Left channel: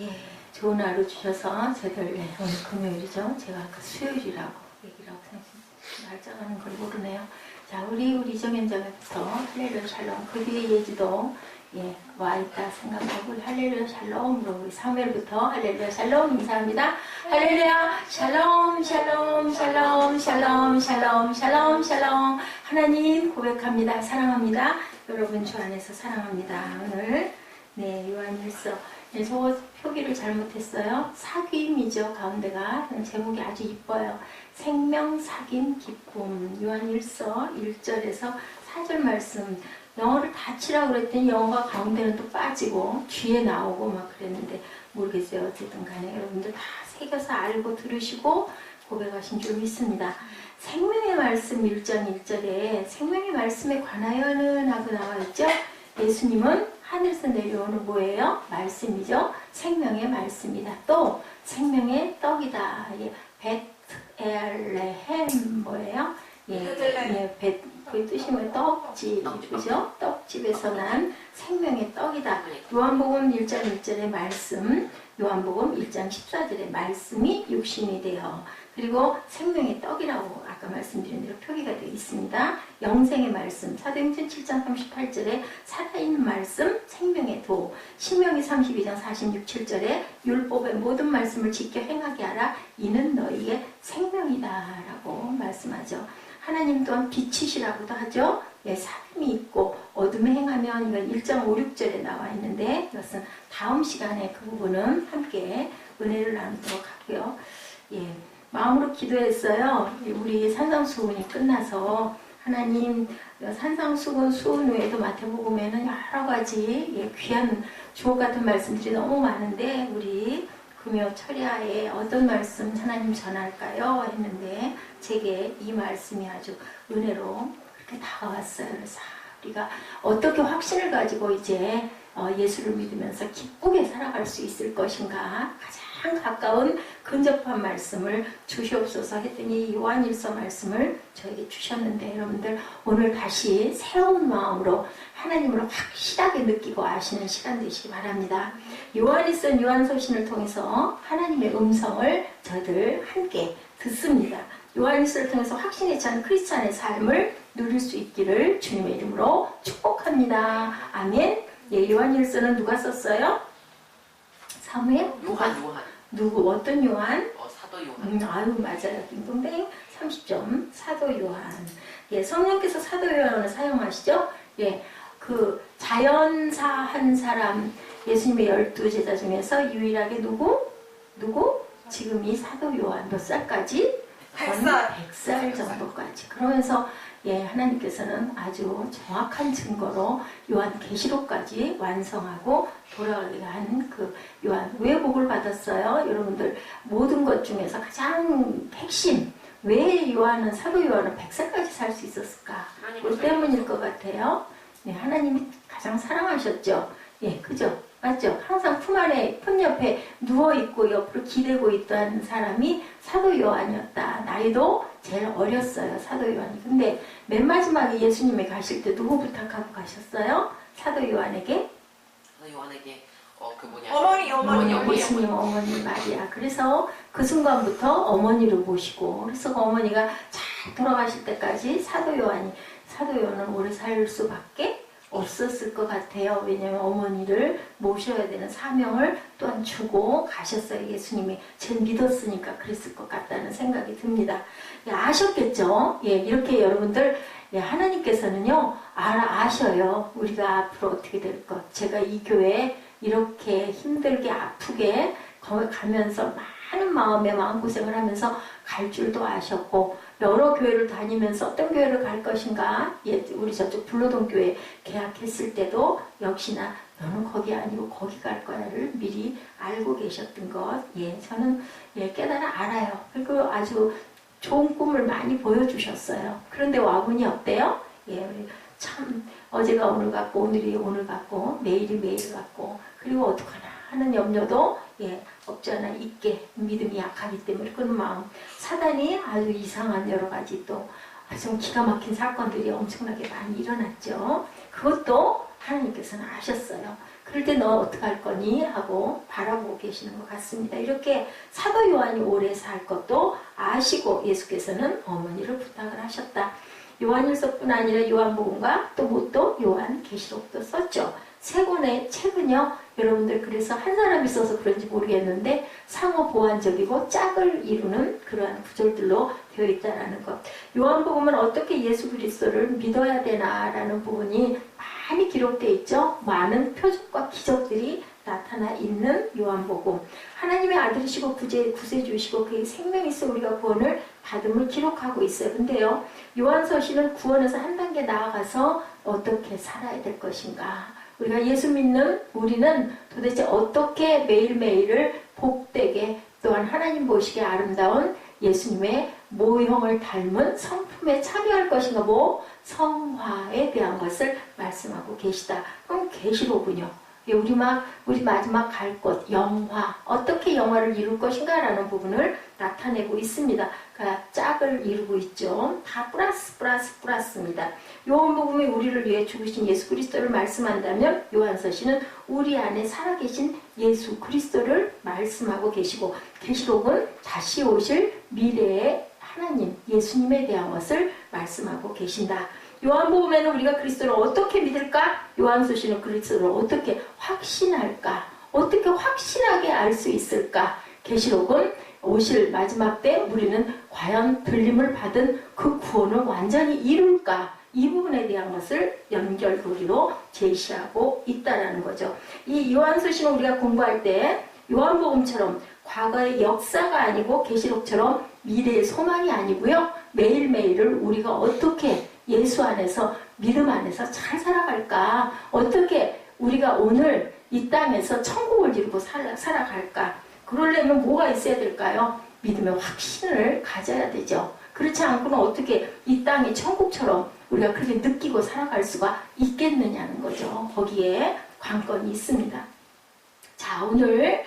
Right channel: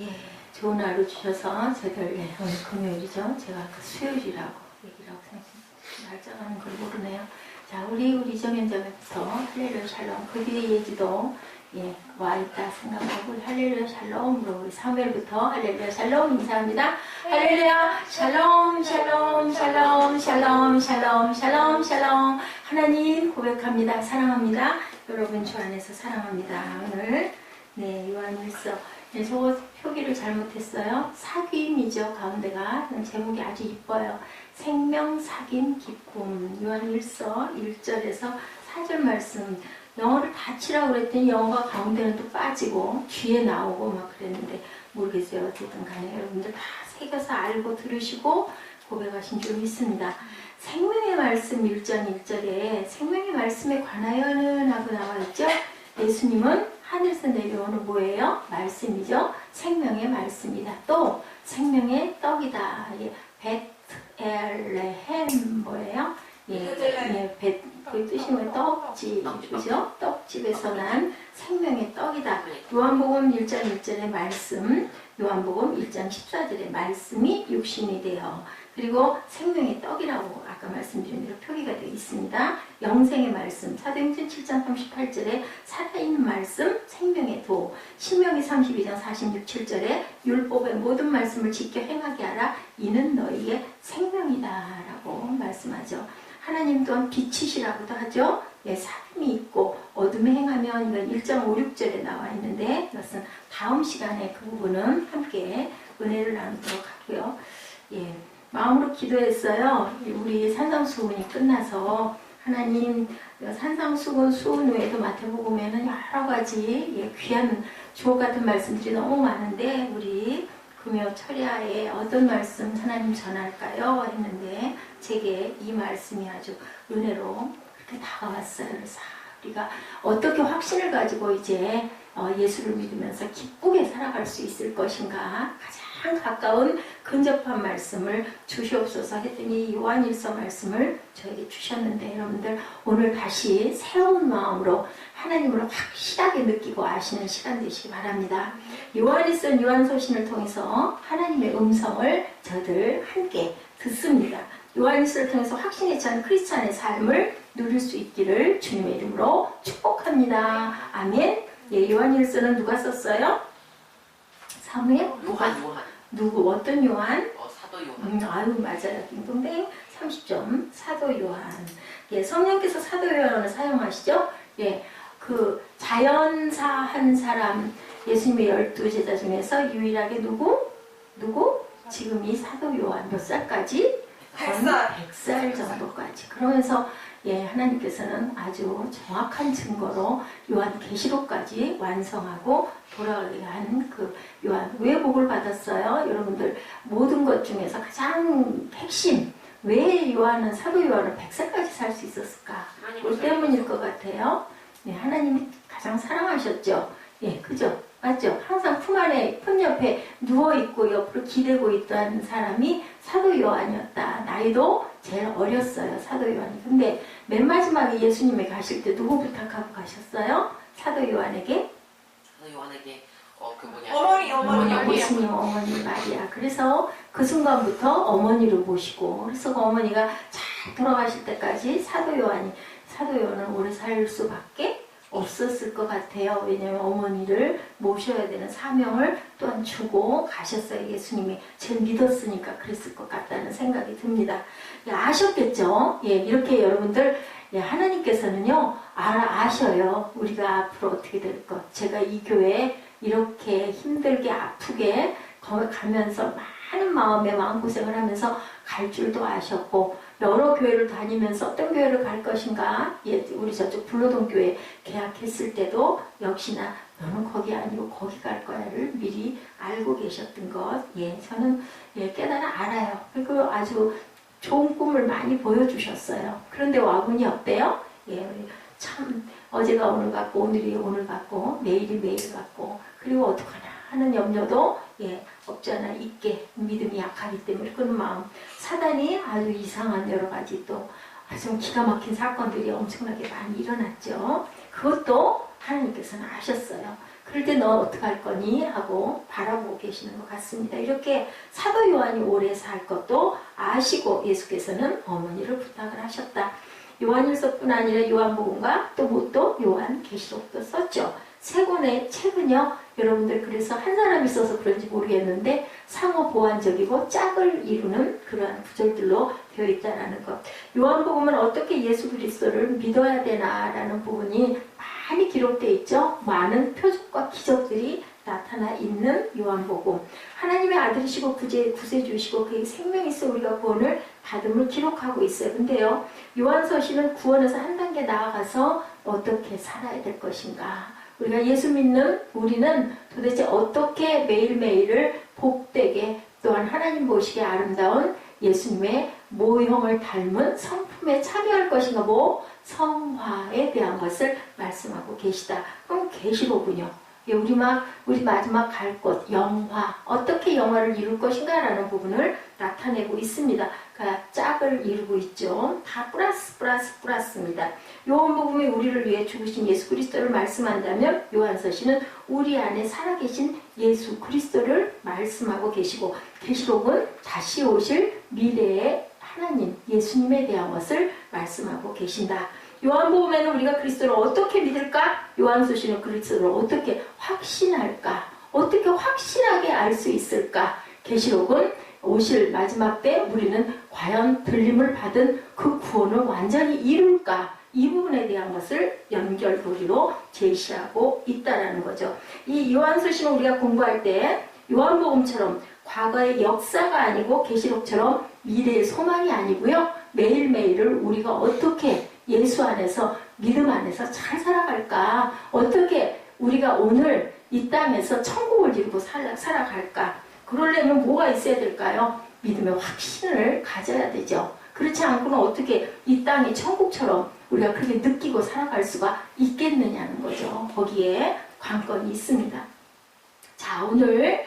예, 좋은 하루 주셔서 저희들 오늘 금요일이죠. 제가 아까 수요일이라고 얘기라고 생각했는데 날짜가는 걸 모르네요. 자, 우리 정현장에서 할렐루야 샬롬, 그 뒤에 예지도 와 있다 생각하고 할렐루야 샬롬으로 우리 사무엘부터 할렐루야 샬롬 인사합니다. 할렐루야 샬롬 샬롬 샬롬 샬롬 샬롬 샬롬 샬롬. 하나님 고백합니다. 사랑합니다. 여러분 주 안에서 사랑합니다. 오늘 요한일서. 저 표기를 잘못했어요. 사귐이죠. 가운데가 제목이 아주 이뻐요. 생명, 사귐, 기쁨. 요한일서 1절에서 4절 말씀. 영어를 다 치라고 그랬더니 영어가 가운데는 또 빠지고 뒤에 나오고 막 그랬는데 모르겠어요. 어쨌든 간에 여러분들 다 새겨서 알고 들으시고 고백하신 줄 믿습니다. 생명의 말씀 1장 1절에 생명의 말씀에 관하여는 하고 나와 있죠. 예수님은 하늘에서 내려오는 뭐예요? 말씀이죠. 생명의 말씀이다. 또 생명의 떡이다. 베트엘레헴 뭐예요? 그 뜻이 뭐예요? 떡집, 그죠? 떡집에서 난 생명의 떡이다. 요한복음 1장 1절의 말씀, 요한복음 1장 14절의 말씀이 육신이 되어, 그리고 생명의 떡이라고 아까 말씀드린 대로 표기가 되어 있습니다. 영생의 말씀, 사도행전 7장 38절에 살아있는 말씀, 생명의 도, 신명기 32장 46, 7절에 율법의 모든 말씀을 지켜 행하게 하라. 이는 너희의 생명이다 라고 말씀하죠. 하나님 또한 빛이시라고도 하죠. 사귐이 있고 어둠에 행하면 이건 1장 5, 6절에 나와 있는데 이것은 다음 시간에 그 부분은 함께 은혜를 나누도록 하고요. 마음으로 기도했어요. 우리 산상수훈이 끝나서 하나님 산상수훈 수훈 외에도 마태복음에는 여러 가지 귀한 주옥 같은 말씀들이 너무 많은데 우리 금요 철야에 어떤 말씀 하나님 전할까요? 했는데 제게 이 말씀이 아주 은혜로 그렇게 다가왔어요. 그래서 우리가 어떻게 확신을 가지고 이제 예수를 믿으면서 기쁘게 살아갈 수 있을 것인가 가장 가까운 근접한 말씀을 주시옵소서 했더니 요한일서 말씀을 저에게 주셨는데 여러분들 오늘 다시 새로운 마음으로 하나님을 확실하게 느끼고 아시는 시간 되시기 바랍니다. 요한일서 요한서신을 통해서 하나님의 음성을 저희들 함께 듣습니다. 요한일서를 통해서 확신에 찬 크리스찬의 삶을 누릴 수 있기를 주님의 이름으로 축복합니다. 아멘. 요한일서는 누가 썼어요? 사무엘? 누구? 어떤 요한? 사도 요한. 아유 맞아요. 빙동댕 30점. 사도 요한. 성령께서 사도 요한을 사용하시죠? 그 자연사 한 사람 예수님의 12제자 중에서 유일하게 누구? 지금 이 사도 요한 몇 살까지? 100살 정도까지. 그러면서 하나님께서는 아주 정확한 증거로 요한 계시록까지 완성하고 돌아가게 한 그 요한 왜 복을 받았어요? 여러분들 모든 것 중에서 가장 핵심 왜 요한은 사도 요한은 100살까지 살 수 있었을까? 그 때문일 것 같아요. 하나님이 가장 사랑하셨죠. 그죠? 맞죠? 항상 품 안에 품 옆에 누워있고 옆으로 기대고 있던 사람이 사도 요한이었다. 나이도 제일 어렸어요. 사도 요한이. 근데 맨 마지막에 예수님이 가실 때 누구 부탁하고 가셨어요? 사도 요한에게? 사도 요한에게 어머니. 예수님 어머니 마리아. 그래서 그 순간부터 어머니를 모시고 그래서 그 어머니가 잘 돌아가실 때까지 사도 요한은 오래 살 수밖에 없었을 것 같아요. 왜냐하면 어머니를 모셔야 되는 사명을 또한 주고 가셨어요. 예수님이 제일 믿었으니까 그랬을 것 같다는 생각이 듭니다. 아셨겠죠? 이렇게 여러분들 하나님께서는요 아셔요. 우리가 앞으로 어떻게 될 것. 제가 이 교회에 이렇게 힘들게 아프게 가면서 많은 마음고생을 하면서 갈 줄도 아셨고 여러 교회를 다니면서 어떤 교회를 갈 것인가 우리 저쪽 불로동 교회 계약했을 때도 역시나 너는 거기 아니고 거기 갈 거야를 미리 알고 계셨던 것 저는 깨달아 알아요. 그리고 아주 좋은 꿈을 많이 보여주셨어요. 그런데 와보니 어때요? 참 어제가 오늘 같고 오늘이 오늘 같고 내일이 내일 같고 그리고 어떡하나 하는 염려도 없지 않아 있게 믿음이 약하기 때문에 그런 마음 사단이 아주 이상한 여러 가지 또 아주 기가 막힌 사건들이 엄청나게 많이 일어났죠. 그것도 하나님께서는 아셨어요. 그럴 때 너 어떻게 할 거니? 하고 바라보고 계시는 것 같습니다. 이렇게 사도 요한이 오래 살 것도 아시고 예수께서는 어머니를 부탁을 하셨다. 요한일서뿐 아니라 요한복음과 또 요한계시록도 썼죠. 세 권의 책은요, 여러분들 그래서 한 사람이 써서 그런지 모르겠는데 상호 보완적이고 짝을 이루는 그러한 구절들로 되어 있다는 것. 요한복음은 어떻게 예수 그리스도를 믿어야 되나라는 부분이 많이 기록되어 있죠. 많은 표적과 기적들이 나타나 있는 요한복음. 하나님의 아들이시고 구세주이시고 그의 생명이 있어 우리가 구원을 받음을 기록하고 있어요. 근데요, 요한서신은 구원에서 한 단계 나아가서 어떻게 살아야 될 것인가. 우리가 예수 믿는 우리는 도대체 어떻게 매일매일을 복되게 또한 하나님 보시기에 아름다운 예수님의 모형을 닮은 성품에 참여할 것인가. 성화에 대한 것을 말씀하고 계시다. 그럼 계시로군요. 우리 마지막 갈 곳, 영화, 어떻게 영화를 이룰 것인가 라는 부분을 나타내고 있습니다. 그러니까 짝을 이루고 있죠. 다 플러스입니다. 요한복음이 우리를 위해 죽으신 예수 그리스도를 말씀한다면 요한서신은 우리 안에 살아계신 예수 그리스도를 말씀하고 계시고, 계시록은 다시 오실 미래의 하나님, 예수님에 대한 것을 말씀하고 계신다. 요한복음에는 우리가 그리스도를 어떻게 믿을까? 요한서신은 그리스도를 어떻게 확신할까? 어떻게 확신하게 알 수 있을까? 계시록은 오실 마지막 때 우리는 과연 들림을 받은 그 구원을 완전히 이룰까? 이 부분에 대한 것을 연결고리로 제시하고 있다는 거죠. 이 요한서신을 우리가 공부할 때 요한복음처럼 과거의 역사가 아니고 계시록처럼 미래의 소망이 아니고요. 매일매일을 우리가 어떻게 예수 안에서, 믿음 안에서 잘 살아갈까? 어떻게 우리가 오늘 이 땅에서 천국을 이루고 살아갈까? 그러려면 뭐가 있어야 될까요? 믿음의 확신을 가져야 되죠. 그렇지 않고는 어떻게 이 땅이 천국처럼 우리가 그렇게 느끼고 살아갈 수가 있겠느냐는 거죠. 거기에 관건이 있습니다. 자, 오늘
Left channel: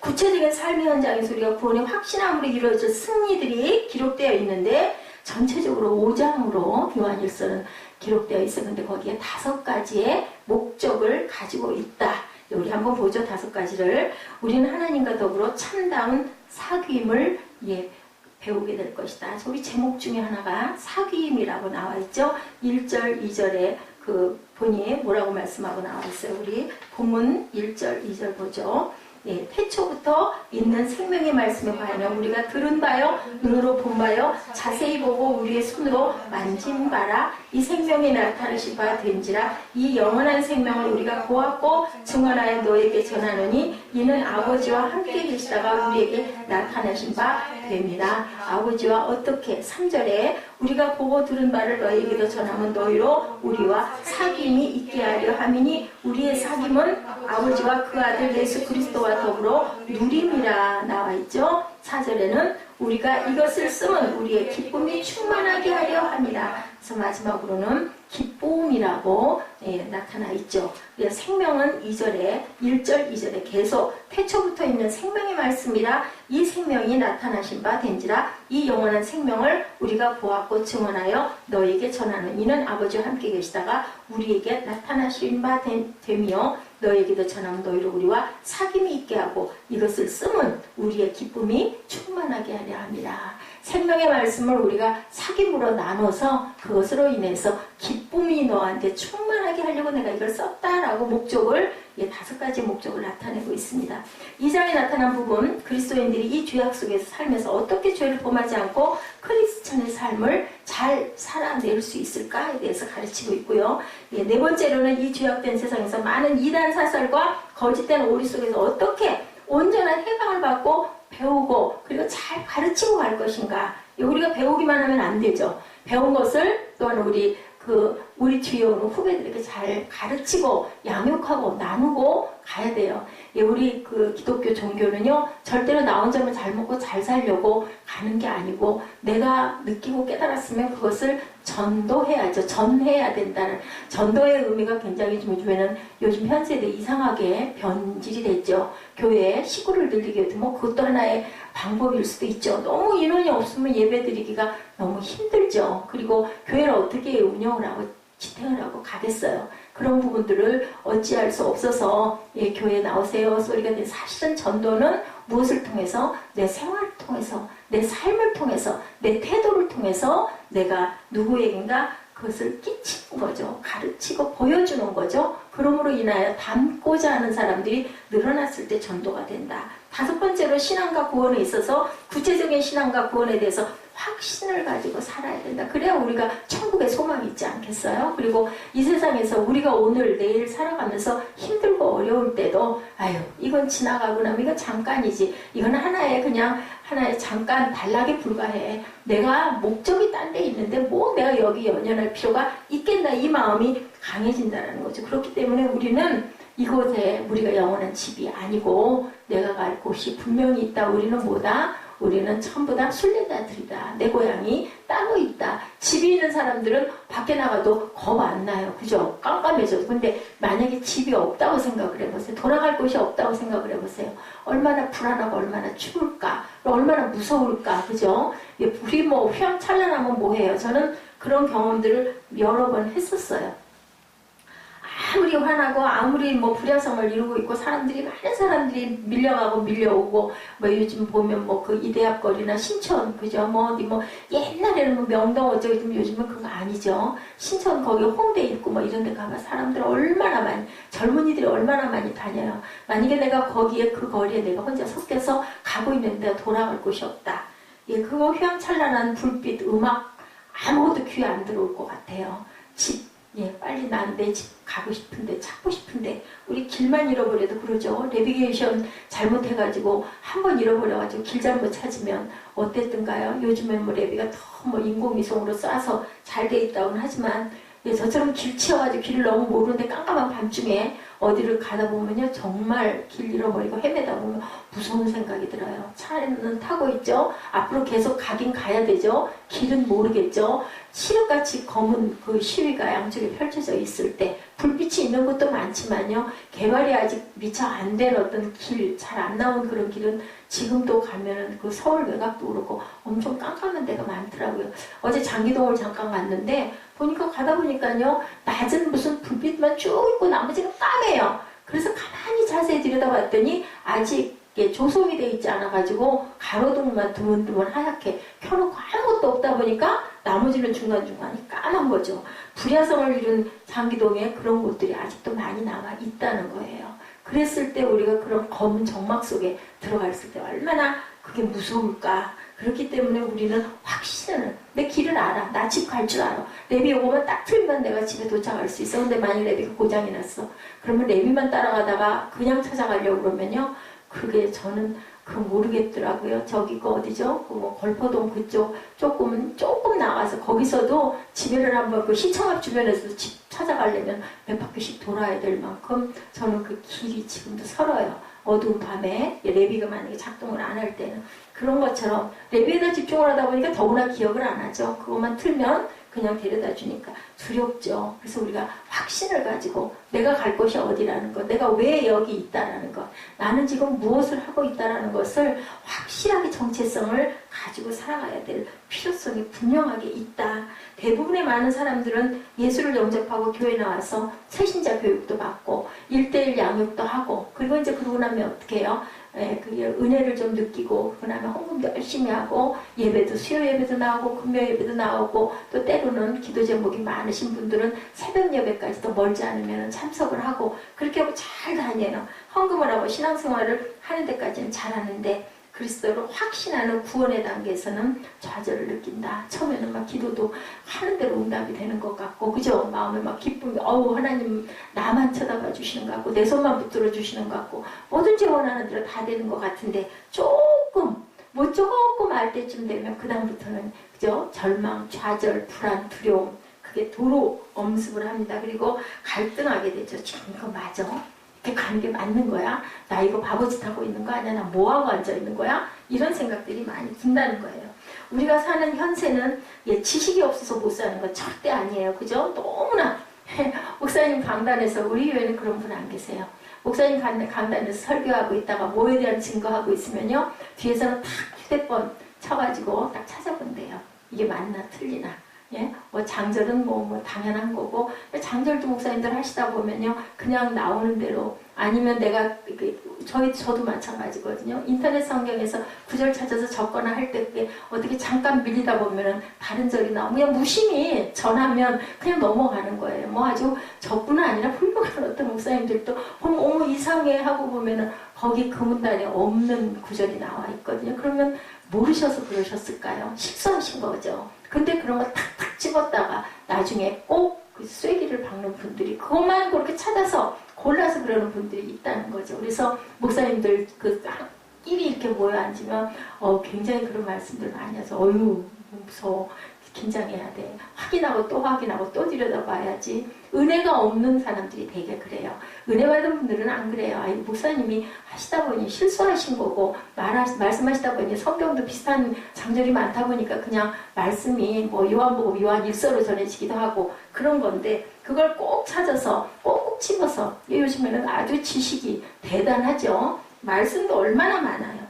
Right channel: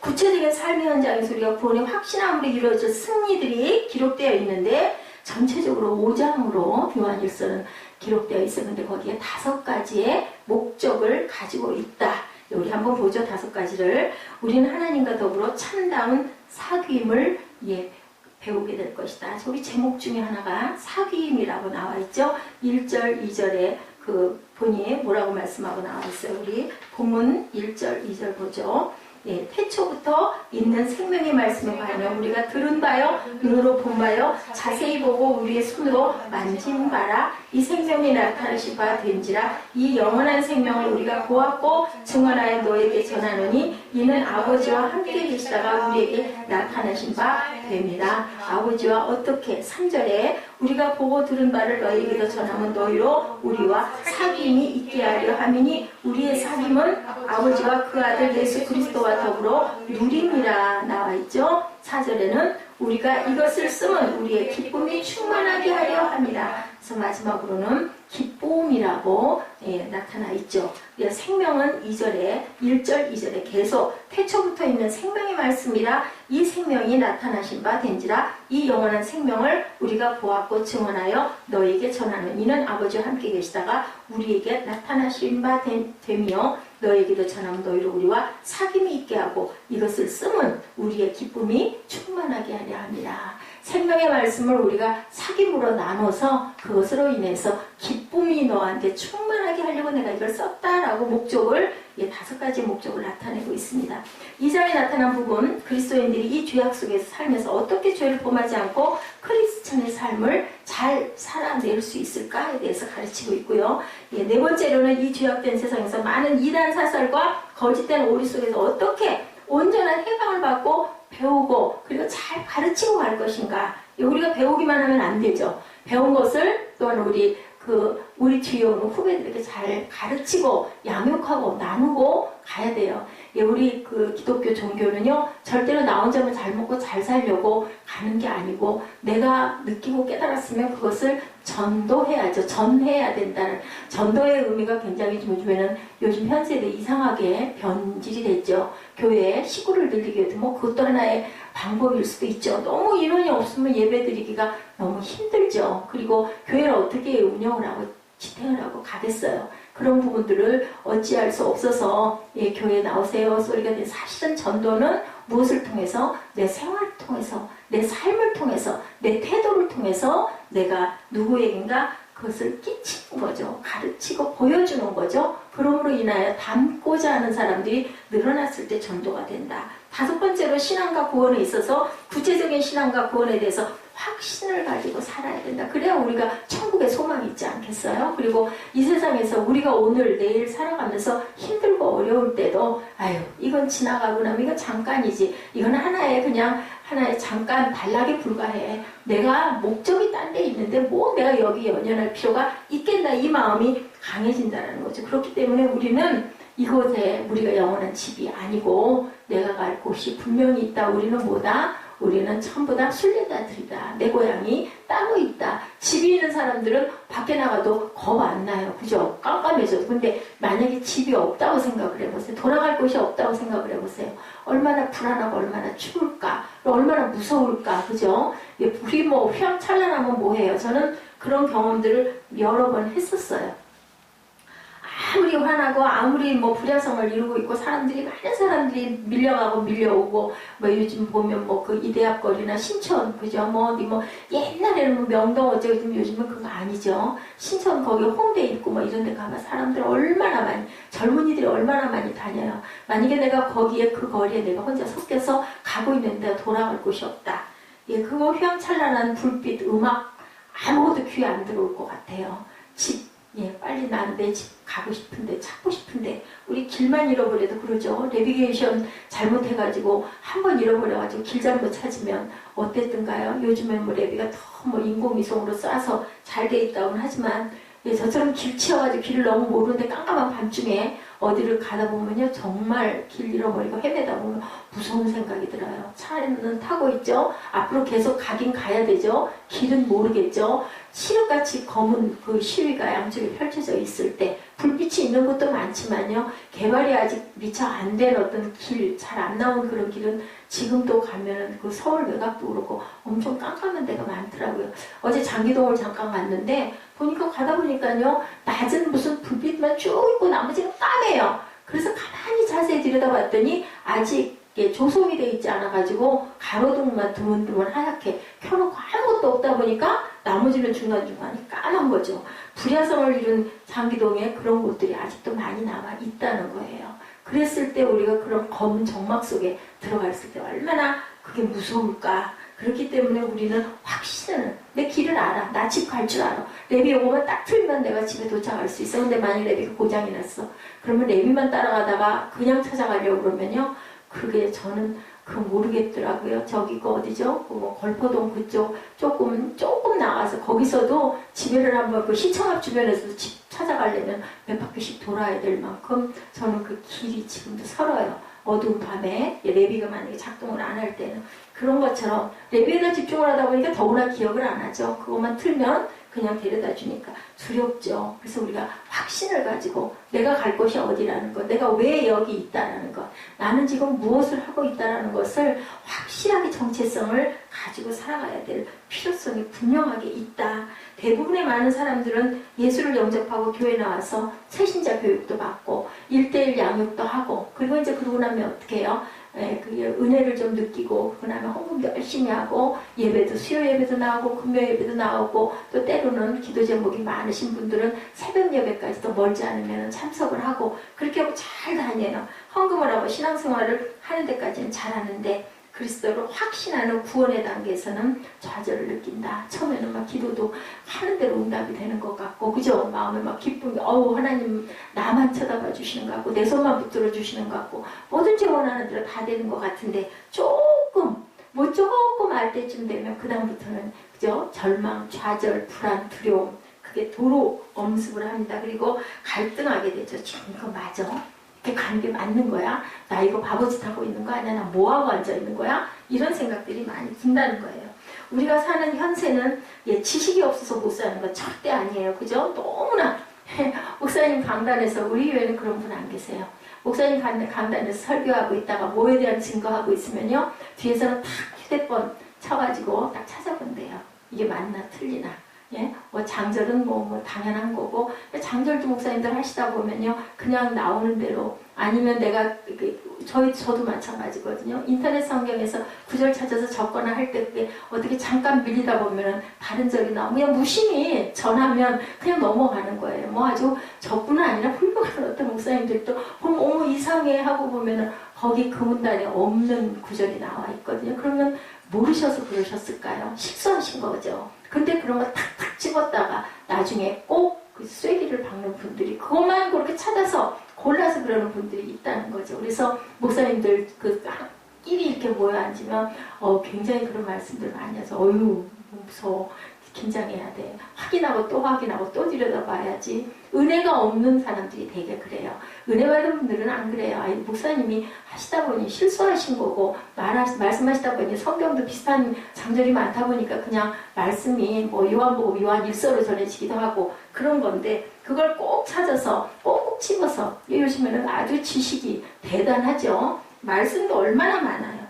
구체적인 삶의 현장에서 우리가 구원의 확신함으로 이루어질 승리들이 기록되어 있는데, 전체적으로 5장으로 요한일서는 기록되어 있었는데 거기에 5가지의 목적을 가지고 있다. 우리 한번 보죠. 5가지를. 우리는 하나님과 더불어 참다운 사귐을 배우게 될 것이다. 우리 제목 중에 하나가 사귐이라고 나와 있죠. 1절, 2절에 본이 뭐라고 말씀하고 나와 있어요. 우리 본문 1절, 2절 보죠. 태초부터 있는 생명의 말씀에 관하여 우리가 들은 바요, 눈으로 본 바요, 자세히 보고 우리의 손으로 만진 바라. 이 생명이 나타나신 바 된지라. 이 영원한 생명을 우리가 보았고 증언하여 너에게 전하노니 이는 아버지와 함께 계시다가 우리에게 나타나신 바 됩니다. 아버지와 어떻게? 3절에 우리가 보고 들은 바를 너에게도 전하면 너희로 우리와 사귐이 있게 하려 함이니 우리의 사귐은 아버지와 그 아들 예수 그리스도와 더불어 누림이라 나와 있죠. 4절에는 우리가 이것을 쓰면 우리의 기쁨이 충만하게 하려 합니다. 그래서 마지막으로는 기쁨이라고 나타나 있죠. 생명은 1절, 2절에 계속 태초부터 있는 생명의 말씀이라. 이 생명이 나타나신 바 된지라. 이 영원한 생명을 우리가 보았고 증언하여 너에게 전하는 이는 아버지와 함께 계시다가 우리에게 나타나신 바 되며 너에게도 전하면 너희로 우리와 사귐이 있게 하고 이것을 쓰면 우리의 기쁨이 충만하게 하려 합니다. 생명의 말씀을 우리가 사귐으로 나눠서 그것으로 인해서 기쁨이 너한테 충만하게 하려고 내가 이걸 썼다라고 목적을 5가지 목적을 나타내고 있습니다. 2장에 나타난 부분, 그리스도인들이 이 죄악 속에서 살면서 어떻게 죄를 범하지 않고 크리스천의 삶을 잘 살아낼 수 있을까에 대해서 가르치고 있고요. 4번째로는 이 죄악된 세상에서 많은 이단 사설과 거짓된 오리 속에서 어떻게 온전한 해방을 받고 배우고 그리고 잘 가르치고 갈 것인가. 우리가 배우기만 하면 안 되죠. 배운 것을 또한 우리 뒤에 오는 후배들에게 잘 가르치고 양육하고 나누고 가야 돼요. 우리 기독교 종교는요, 절대로 나 혼자만 잘 먹고 잘 살려고 가는 게 아니고 내가 느끼고 깨달았으면 그것을 전도해야죠. 전해야 된다는 전도의 의미가 굉장히 요즘 현 세대 이상하게 변질이 됐죠. 교회에 식구를 늘리기 위해서 그것도 하나의 방법일 수도 있죠. 너무 인원이 없으면 예배드리기가 너무 힘들죠. 그리고 교회를 어떻게 운영을 하고 지탱을 하고 가겠어요. 그런 부분들을 어찌할 수 없어서 예, 교회에 나오세요 소리가 되는 사실은 전도는 무엇을 통해서? 내 생활을 통해서, 내 삶을 통해서, 내 태도를 통해서 내가 누구에겐가 그것을 끼치는 거죠. 가르치고 보여주는 거죠. 그러므로 인하여 닮고자 하는 사람들이 늘어났을 때 전도가 된다. 다섯 번째로 신앙과 구원에 있어서 구체적인 신앙과 구원에 대해서 확신을 가지고 살아야 된다. 그래야 우리가 천국에 소망이 있지 않겠어요? 그리고 이 세상에서 우리가 오늘 내일 살아가면서 힘들고 어려울 때도 아유 이건 지나가고 나면 이건 잠깐이지. 이건 하나의 잠깐 단락에 불과해. 내가 목적이 딴 데 있는데 뭐 내가 여기 연연할 필요가 있겠나 이 마음이 강해진다는 거죠. 그렇기 때문에 우리는 이곳에 우리가 영원한 집이 아니고 내가 갈 곳이 분명히 있다. 우리는 뭐다? 우리는 전부 다 순례자들이다. 내 고향이 따로 있다. 집이 있는 사람들은 밖에 나가도 겁 안 나요. 그죠? 깜깜해져. 근데 만약에 집이 없다고 생각을 해보세요. 돌아갈 곳이 없다고 생각을 해보세요. 얼마나 불안하고 얼마나 추울까? 얼마나 무서울까? 그죠? 불이 뭐 휘황찬란하면 뭐해요? 저는 그런 경험들을 여러 번 했었어요. 아무리 화나고 아무리 뭐 불야성을 이루고 있고 많은 사람들이 밀려가고 밀려오고 뭐 요즘 보면 뭐 그 이대합거리나 신천 그죠 뭐 어디 뭐 옛날에는 뭐 명동 어쩌고 요즘은 그거 아니죠. 신천 거기 홍대 있고 뭐 이런 데 가면 사람들 얼마나 많이 젊은이들이 얼마나 많이 다녀요. 만약에 내가 거기에 그 거리에 내가 혼자 섞여서 가고 있는데 돌아갈 곳이 없다. 예, 그거 휘황찬란한 불빛 음악 아무것도 귀에 안 들어올 것 같아요. 예, 빨리 난 내 집 가고 싶은데 찾고 싶은데 우리 길만 잃어버려도 그러죠. 내비게이션 잘못해가지고 한번 잃어버려가지고 길 잘못 찾으면 어땠던가요? 요즘엔 뭐 내비가 더 뭐 인공위성으로 쏴서 잘 돼 있다고는 하지만 예, 저처럼 길 치여가지고 길을 너무 모르는데 깜깜한 밤중에 어디를 가다 보면요 정말 길 잃어버리고 헤매다 보면 무서운 생각이 들어요. 차는 타고 있죠. 앞으로 계속 가긴 가야 되죠. 길은 모르겠죠. 시륵같이 검은 그 시위가 양쪽에 펼쳐져 있을 때 불빛이 있는 곳도 많지만요. 개발이 아직 미처 안 된 어떤 길, 잘 안 나온 그런 길은 지금도 가면은 그 서울 외곽도 그렇고 엄청 깜깜한 데가 많더라고요. 어제 장기동을 잠깐 갔는데 보니까 가다 보니까요. 낮은 무슨 불빛만 쭉 있고 나머지는 까매요. 그래서 가만히 자세히 들여다봤더니 아직 조성이 돼 있지 않아가지고 가로등만 드문드문 하얗게 켜놓고 아무것도 없다 보니까 나머지는 중간중간이 까만 거죠. 불야성을 이룬 장기동에 그런 곳들이 아직도 많이 남아 있다는 거예요. 그랬을 때 우리가 그런 검은 정막 속에 들어갔을 때 얼마나 그게 무서울까. 그렇기 때문에 우리는 확신을 내 길을 알아. 나 집 갈 줄 알아. 레비 요거만 딱 틀면 내가 집에 도착할 수 있어. 근데 만약 레비가 고장이 났어. 그러면 레비만 따라가다가 그냥 찾아가려고 그러면요. 그게 저는 모르겠더라고요. 저기 그 어디죠? 그 걸포동 그쪽 조금 나가서 거기서도 지배를 한번 그 시청 앞 주변에서도 집 찾아가려면 몇 바퀴씩 돌아야 될 만큼 저는 그 길이 지금도 설어요. 어두운 밤에 레비가 만약에 작동을 안 할 때는 그런 것처럼 레비에다 집중을 하다 보니까 더구나 기억을 안 하죠. 그것만 틀면 그냥 데려다 주니까 두렵죠. 그래서 우리가 확신을 가지고 내가 갈 곳이 어디라는 것, 내가 왜 여기 있다라는 것, 나는 지금 무엇을 하고 있다라는 것을 확실하게 정체성을 가지고 살아가야 될 필요성이 분명하게 있다. 대부분의 많은 사람들은 예수를 영접하고 교회 나와서 새신자 교육도 받고 1:1 양육도 하고 그리고 이제 그러고 나면 어떻게 해요? 그게 은혜를 좀 느끼고 그다음에 헌금도 열심히 하고 예배도 수요 예배도 나오고 금요 예배도 나오고 또 때로는 기도 제목이 많으신 분들은 새벽 예배까지도 멀지 않으면 참석을 하고 그렇게 하고 잘 다녀요. 헌금을 하고 신앙생활을 하는 데까지는 잘하는데 그리스도로 확신하는 구원의 단계에서는 좌절을 느낀다. 처음에는 막 기도도 하는 대로 응답이 되는 것 같고 그죠? 마음에 막 기쁨이 하나님 나만 쳐다봐 주시는 것 같고 내 손만 붙들어 주시는 것 같고 뭐든지 원하는 대로 다 되는 것 같은데 조금 알 때쯤 되면 그 다음부터는 그죠? 절망, 좌절, 불안, 두려움 그게 도로 엄습을 합니다. 그리고 갈등하게 되죠. 지금 이거 맞아? 이렇게 가는 게 맞는 거야? 나 이거 바보짓 하고 있는 거 아니야? 나 뭐하고 앉아 있는 거야? 이런 생각들이 많이 든다는 거예요. 우리가 사는 현세는 지식이 없어서 못 사는 건 절대 아니에요. 그죠? 너무나 목사님 강단에서 우리 교회는 그런 분 안 계세요. 목사님 강단에서 설교하고 있다가 뭐에 대한 증거하고 있으면요. 뒤에서는 탁 휴대폰 쳐가지고 딱 찾아본대요. 이게 맞나 틀리나. 예? 뭐 장절은 뭐 당연한 거고, 장절도 목사님들 하시다 보면요, 그냥 나오는 대로, 아니면 내가, 저도 마찬가지거든요. 인터넷 성경에서 구절 찾아서 적거나 할 때 그게 어떻게 잠깐 밀리다 보면은 다른 절이 나오면 그냥 무심히 전하면 그냥 넘어가는 거예요. 뭐 아주 저뿐 아니라 훌륭한 어떤 목사님들도 보면 어머 이상해 하고 보면은 거기 그 문단에 없는 구절이 나와 있거든요. 그러면 모르셔서 그러셨을까요? 실수하신 거죠. 근데 그런 거 탁탁 집었다가 나중에 꼭 그 쐐기를 박는 분들이 그것만 그렇게 찾아서 골라서 그러는 분들이 있다는 거죠. 그래서 목사님들 그 끼리 이렇게 모여 앉으면 굉장히 그런 말씀들 많이 해서 어휴 무서워. 긴장해야 돼. 확인하고 또 확인하고 또 들여다봐야지. 은혜가 없는 사람들이 되게 그래요. 은혜 받은 분들은 안 그래요. 아니, 목사님이 하시다 보니 실수하신 거고 말씀하시다 보니 성경도 비슷한 장절이 많다 보니까 그냥 말씀이 뭐 요한복음 요한 1서로 전해지기도 하고 그런 건데 그걸 꼭 찾아서 꼭 집어서 요즘에는 아주 지식이 대단하죠. 말씀도 얼마나 많아요.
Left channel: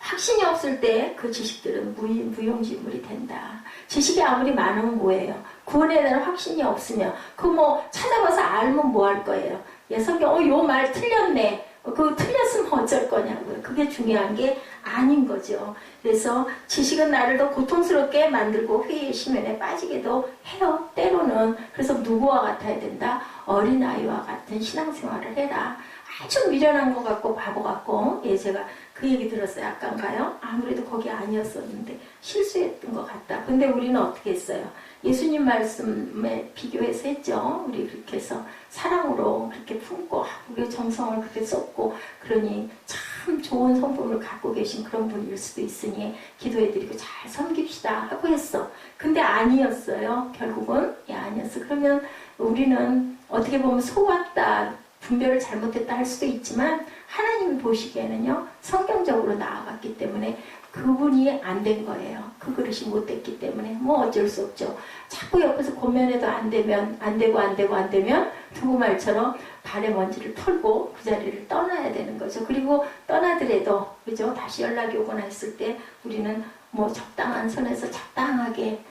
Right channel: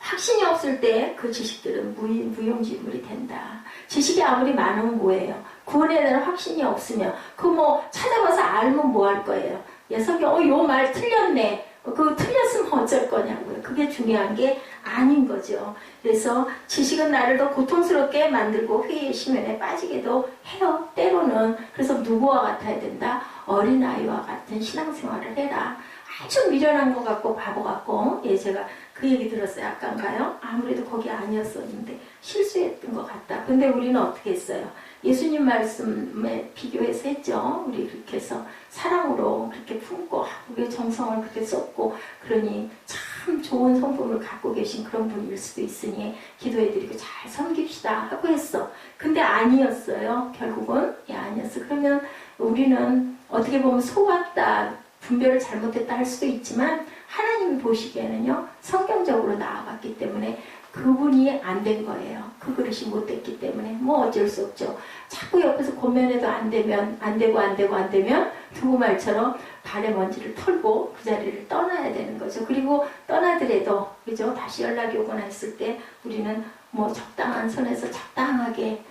확신이 없을 때 그 지식들은 무용지물이 된다. 지식이 아무리 많으면 뭐예요? 구원에 대한 확신이 없으면 그 뭐 찾아봐서 알면 뭐 할 거예요? 예, 성경 요 말 틀렸네. 그 틀렸으면 어쩔 거냐고요. 그게 중요한 게 아닌 거죠. 그래서 지식은 나를 더 고통스럽게 만들고 회의의 심연에 빠지게도 해요. 때로는. 그래서 누구와 같아야 된다? 어린아이와 같은 신앙생활을 해라. 아주 미련한 것 같고 바보 같고 예 제가 그 얘기 들었어요. 아까인가요? 아무래도 거기 아니었었는데 실수했던 것 같다. 근데 우리는 어떻게 했어요? 예수님 말씀에 비교해서 했죠. 우리 그렇게 해서 사랑으로 그렇게 품고 우리의 정성을 그렇게 쏟고 그러니 참 좋은 성품을 갖고 계신 그런 분일 수도 있으니 기도해드리고 잘 섬깁시다 하고 했어. 근데 아니었어요. 결국은 예 아니었어. 그러면 우리는 어떻게 보면 속았다. 분별을 잘못했다 할 수도 있지만 하나님이 보시기에는요 성경적으로 나아갔기 때문에 그분이 안 된 거예요. 그 그릇이 못 됐기 때문에 뭐 어쩔 수 없죠. 자꾸 옆에서 고면해도 안 되면 안 되면 두부말처럼 발에 먼지를 털고 그 자리를 떠나야 되는 거죠. 그리고 떠나더라도 그죠 다시 연락이 오거나 했을 때 우리는 뭐 적당한 선에서 적당하게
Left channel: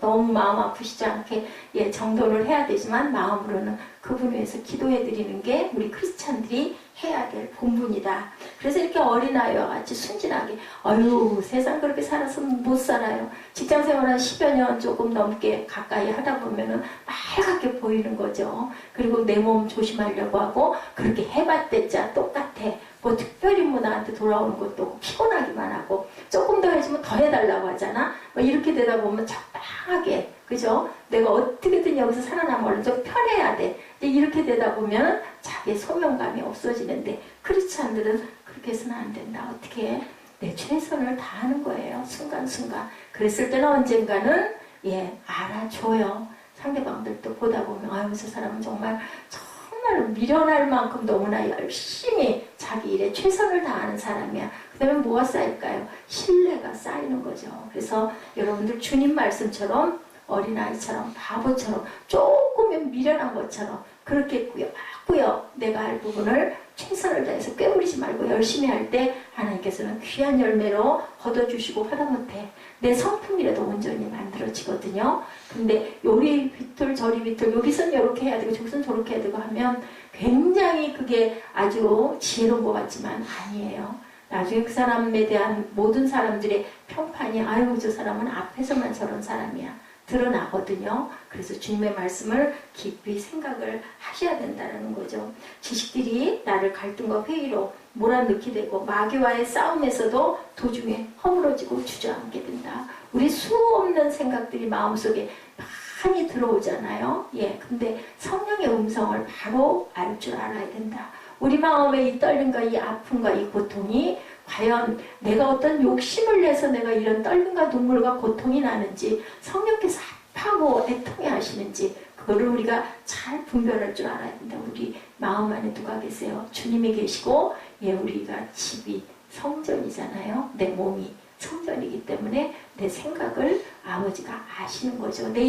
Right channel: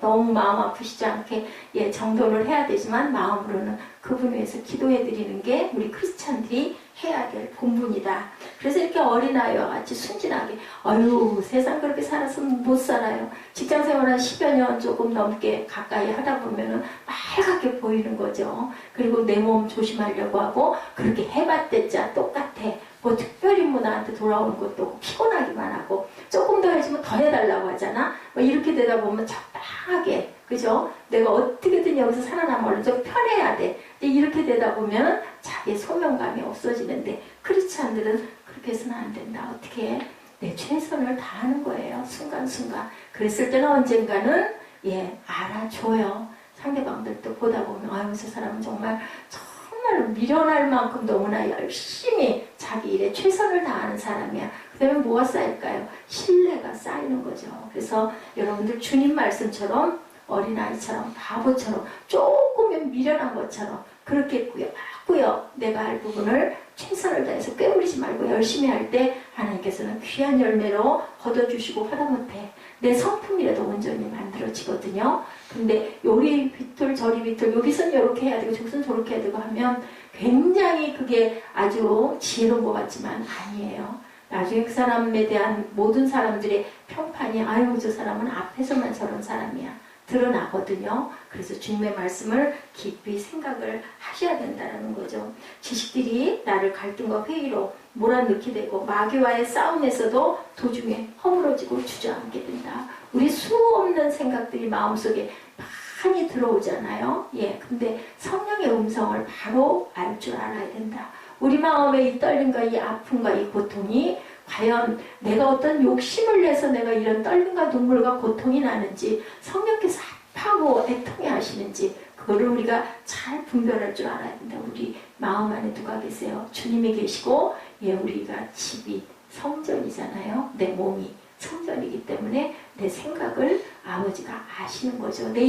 너무 마음 아프시지 않게 예 정돈을 해야 되지만 마음으로는 그분 위해서 기도해 드리는 게 우리 크리스찬들이 해야 될 본분이다. 그래서 이렇게 어린아이와 같이 순진하게 어휴 세상 그렇게 살아서 못 살아요. 직장생활 한 10여 년 조금 넘게 가까이 하다 보면은 빨갛게 보이는 거죠. 그리고 내 몸 조심하려고 하고 그렇게 해봤댔자 똑같아. 뭐 특별히 뭐 나한테 돌아오는 것도 피곤하기만 하고 조금 더 해주면 더 해달라고 하잖아. 뭐 이렇게 되다 보면 적당하게 그죠? 내가 어떻게든 여기서 살아남으려면 좀 편해야 돼. 이렇게 되다 보면 자기의 소명감이 없어지는데 크리스찬들은 그렇게 해서는 안 된다. 어떻게 내 최선을 다하는 거예요. 순간순간. 그랬을 때는 언젠가는 예 알아줘요. 상대방들도 보다 보면 아유 저 사람은 정말 미련할 만큼 너무나 열심히 자기 일에 최선을 다하는 사람이야. 그 다음에 뭐가 쌓일까요? 신뢰가 쌓이는 거죠. 그래서 여러분들 주님 말씀처럼 어린아이처럼 바보처럼 조금은 미련한 것처럼 그렇게 꾸역꾸역 내가 할 부분을 최선을 다해서 꾀부리지 말고 열심히 할 때 하나님께서는 귀한 열매로 거둬주시고 하다못해 내 성품이라도 온전히 만들어지거든요. 근데 요리 비틀 저리 비틀 여기선 이렇게 해야 되고 저기선 저렇게 해야 되고 하면 굉장히 그게 아주 지혜로운 것 같지만 아니에요. 나중에 그 사람에 대한 모든 사람들의 평판이 아유 저 사람은 앞에서만 저런 사람이야 드러나거든요. 그래서 주님의 말씀을 깊이 생각을 하셔야 된다는 거죠. 지식들이 나를 갈등과 회의로 몰아넣게 되고 마귀와의 싸움에서도 도중에 허물어지고 주저앉게 된다. 우리 수없는 생각들이 마음속에 많이 들어오잖아요. 예, 근데 성령의 음성을 바로 알 줄 알아야 된다. 우리 마음의 이 떨림과 이 아픔과 이 고통이 과연 내가 어떤 욕심을 내서 내가 이런 떨림과 눈물과 고통이 나는지 성령께서 합하고 애통해 하시는지 그거를 우리가 잘 분별할 줄 알아야 된다. 우리 마음 안에 누가 계세요? 주님이 계시고 예, 우리가 집이 성전이잖아요. 내 몸이 성전이기 때문에 내 생각을 아버지가 아시는 거죠. 내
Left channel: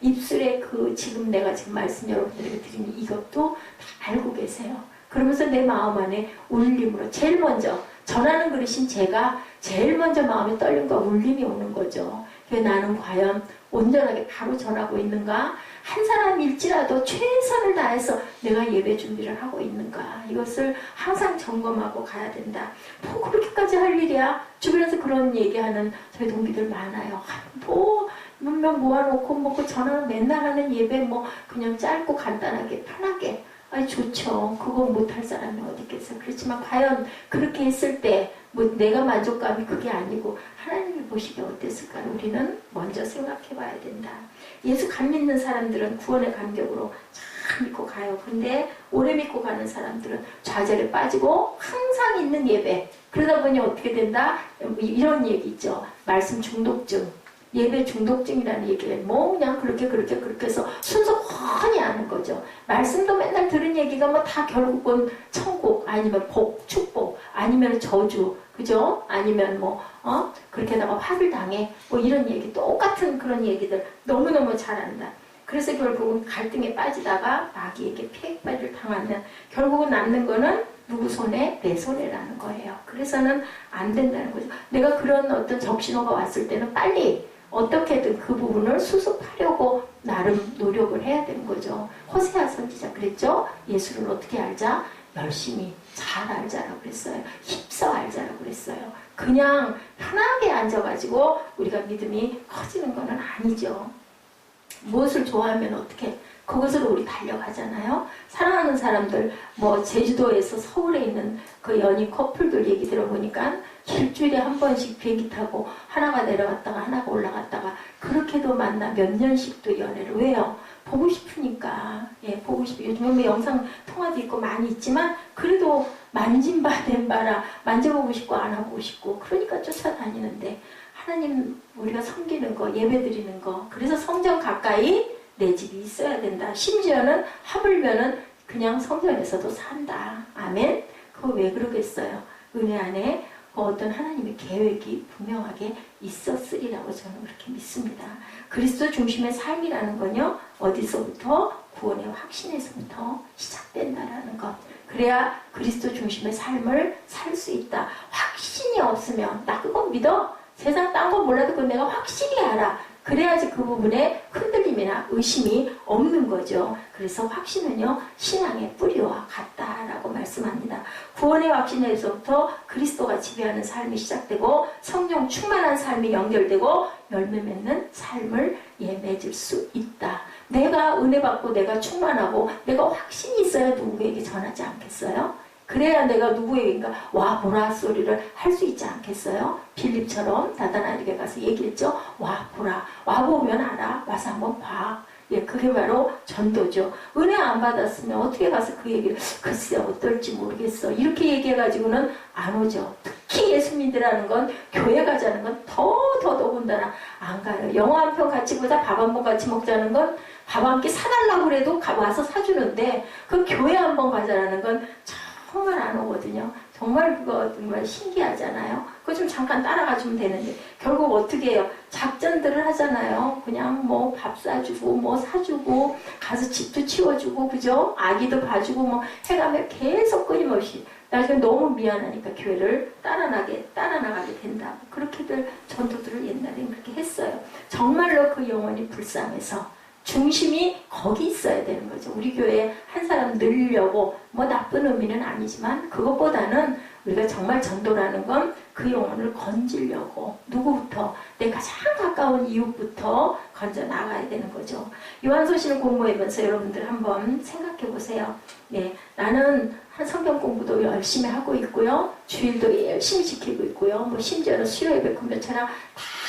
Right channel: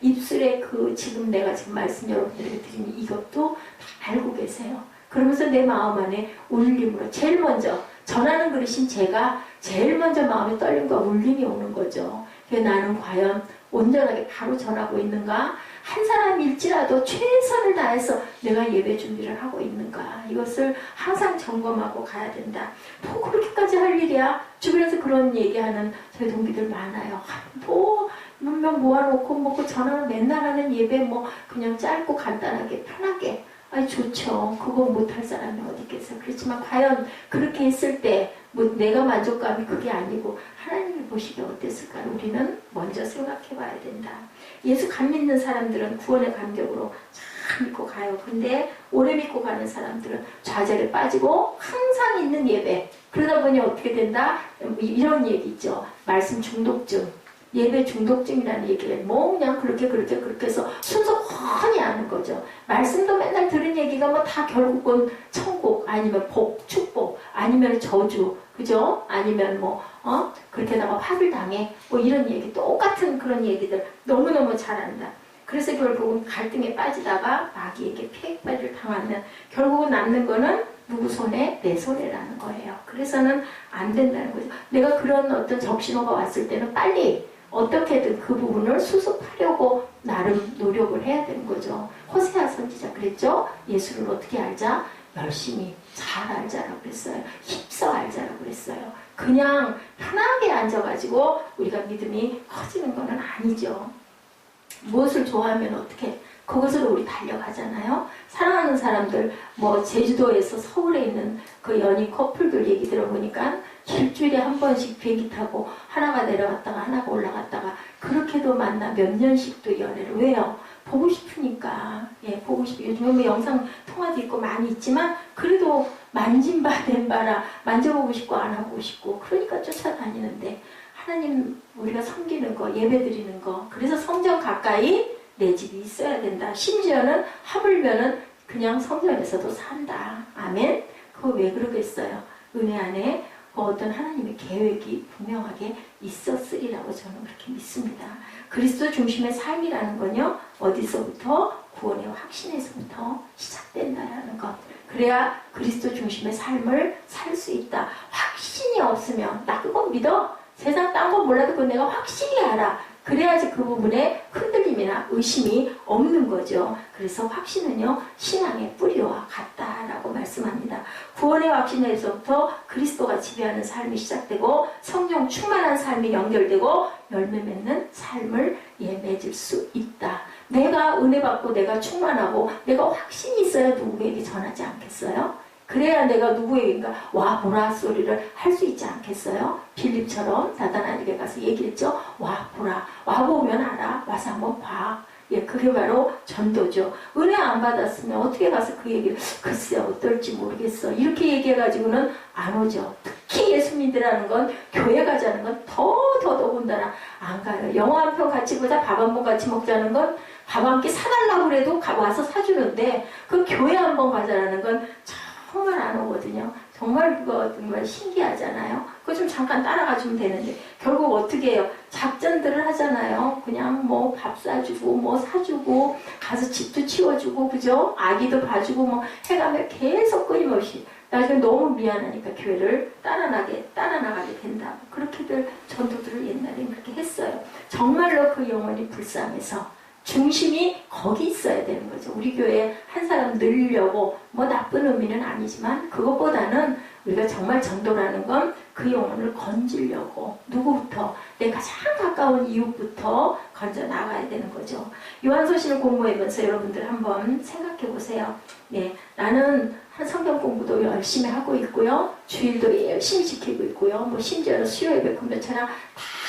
입술에 그 지금 내가 지금 말씀 여러분들에게 드리는 이것도 다 알고 계세요. 그러면서 내 마음 안에 울림으로 제일 먼저 전하는 그릇인 제가 제일 먼저 마음에 떨림과 울림이 오는 거죠. 나는 과연 온전하게 바로 전하고 있는가? 한 사람일지라도 최선을 다해서 내가 예배 준비를 하고 있는가? 이것을 항상 점검하고 가야 된다. 뭐 그렇게까지 할 일이야? 주변에서 그런 얘기하는 저희 동기들 많아요. 뭐 몇 명 모아놓고 뭐 전화를 맨날 하는 예배 뭐 그냥 짧고 간단하게 편하게. 아니 좋죠. 그거 못할 사람이 어디 있겠어요. 그렇지만 과연 그렇게 했을 때 뭐 내가 만족감이 그게 아니고 하나님이 보시기에 어땠을까? 우리는 먼저 생각해 봐야 된다. 예수 감 믿는 사람들은 구원의 감격으로 잘 믿고 가요. 근데 오래 믿고 가는 사람들은 좌절에 빠지고 항상 있는 예배. 그러다 보니 어떻게 된다? 이런 얘기 있죠. 말씀 중독증. 예배 중독증이라는 얘기를 뭐 그냥 그렇게 해서 순서 훤히 아는 거죠. 말씀도 맨날 들은 얘기가 뭐 다 결국은 천국 아니면 복, 축복 아니면 저주, 그죠? 아니면 뭐 그렇게다가 화를 당해 뭐 이런 얘기 똑같은 그런 얘기들 너무너무 잘 안다. 그래서 결국은 갈등에 빠지다가 마귀에게 피해까지를 당하는 결국은 남는 거는 누구 손에? 내 손에라는 거예요. 그래서는 안 된다는 거죠. 내가 그런 어떤 적신호가 왔을 때는 빨리 어떻게든 그 부분을 수습하려고 나름 노력을 해야 되는 거죠. 호세아 선지자 그랬죠? 예수를 어떻게 알자? 열심히 잘 알자라고 그랬어요. 힘써 알자라고 그랬어요. 그냥 편하게 앉아가지고 우리가 믿음이 커지는 건 아니죠. 무엇을 좋아하면 어떻게 그것으로 우리 달려가잖아요. 사랑하는 사람들 뭐 제주도에서 서울에 있는 그 연인 커플들 얘기 들어보니까 일주일에 한 번씩 비행기 타고 하나가 내려갔다가 하나가 올라갔다가 그렇게도 만나 몇 년씩도 연애를. 왜요? 보고 싶으니까. 예, 보고 싶으니까. 요즘에 뭐 영상 통화도 있고 많이 있지만 그래도 만진바 된바라 만져보고 싶고 안아보고 싶고 그러니까 쫓아다니는데 하나님 우리가 섬기는 거 예배 드리는 거 그래서 성전 가까이 내 집이 있어야 된다. 심지어는 하물면은 그냥 성전에서도 산다. 아멘. 그거 왜 그러겠어요? 은혜 안에 어떤 하나님의 계획이 분명하게 있었으리라고 저는 그렇게 믿습니다. 그리스도 중심의 삶이라는 건요. 어디서부터? 구원의 확신에서부터 시작된다라는 것. 그래야 그리스도 중심의 삶을 살 수 있다. 확신이 없으면 나 그거 믿어. 세상 딴 거 몰라도 그건 내가 확실히 알아. 그래야지 그 부분에 흔들림이나 의심이 없는 거죠. 그래서 확신은요, 신앙의 뿌리와 같다라고 말씀합니다. 구원의 확신에서부터 그리스도가 지배하는 삶이 시작되고 성령 충만한 삶이 연결되고 열매 맺는 삶을 맺을 수 있다. 내가 은혜 받고 내가 충만하고 내가 확신이 있어야 누구에게 전하지 않겠어요? 그래야 내가 누구에게인가 와 보라 소리를 할 수 있지 않겠어요? 빌립처럼 나다나엘에게 가서 얘기했죠. 와 보라. 와 보면 알아. 와서 한번 봐. 예, 그게 바로 전도죠. 은혜 안 받았으면 어떻게 가서 그 얘기를 글쎄 어떨지 모르겠어. 이렇게 얘기해가지고는 안 오죠. 특히 예수 믿으라는 건 교회 가자는 건 더군다나 안 가요. 영화 한 편 같이 보자 밥 한 번 같이 먹자는 건 밥 한 끼 사달라고 그래도 와서 사주는데 그 교회 한 번 가자라는 건 정말 안 오거든요. 정말 그거 정말 신기하잖아요. 그거 좀 잠깐 따라가주면 되는데 결국 어떻게 해요? 작전들을 하잖아요. 그냥 뭐 밥 사주고 뭐 사주고 가서 집도 치워주고 그죠? 아기도 봐주고 뭐 해가면 계속 끊임없이 나중에 너무 미안하니까 교회를 따라나가게 된다. 그렇게들 전도들을 옛날엔 그렇게 했어요. 정말로 그 영혼이 불쌍해서 중심이 거기 있어야 되는 거죠. 우리 교회에 한 사람 늘리려고 뭐 나쁜 의미는 아니지만 그것보다는 우리가 정말 전도라는 건 그 영혼을 건지려고 누구부터 내 가장 가까운 이웃부터 건져 나가야 되는 거죠. 요한서신을 공부하면서 여러분들 한번 생각해 보세요. 네, 나는 한 성경 공부도 열심히 하고 있고요. 주일도 열심히 지키고 있고요. 뭐 심지어는 수요 예배 금요처럼 다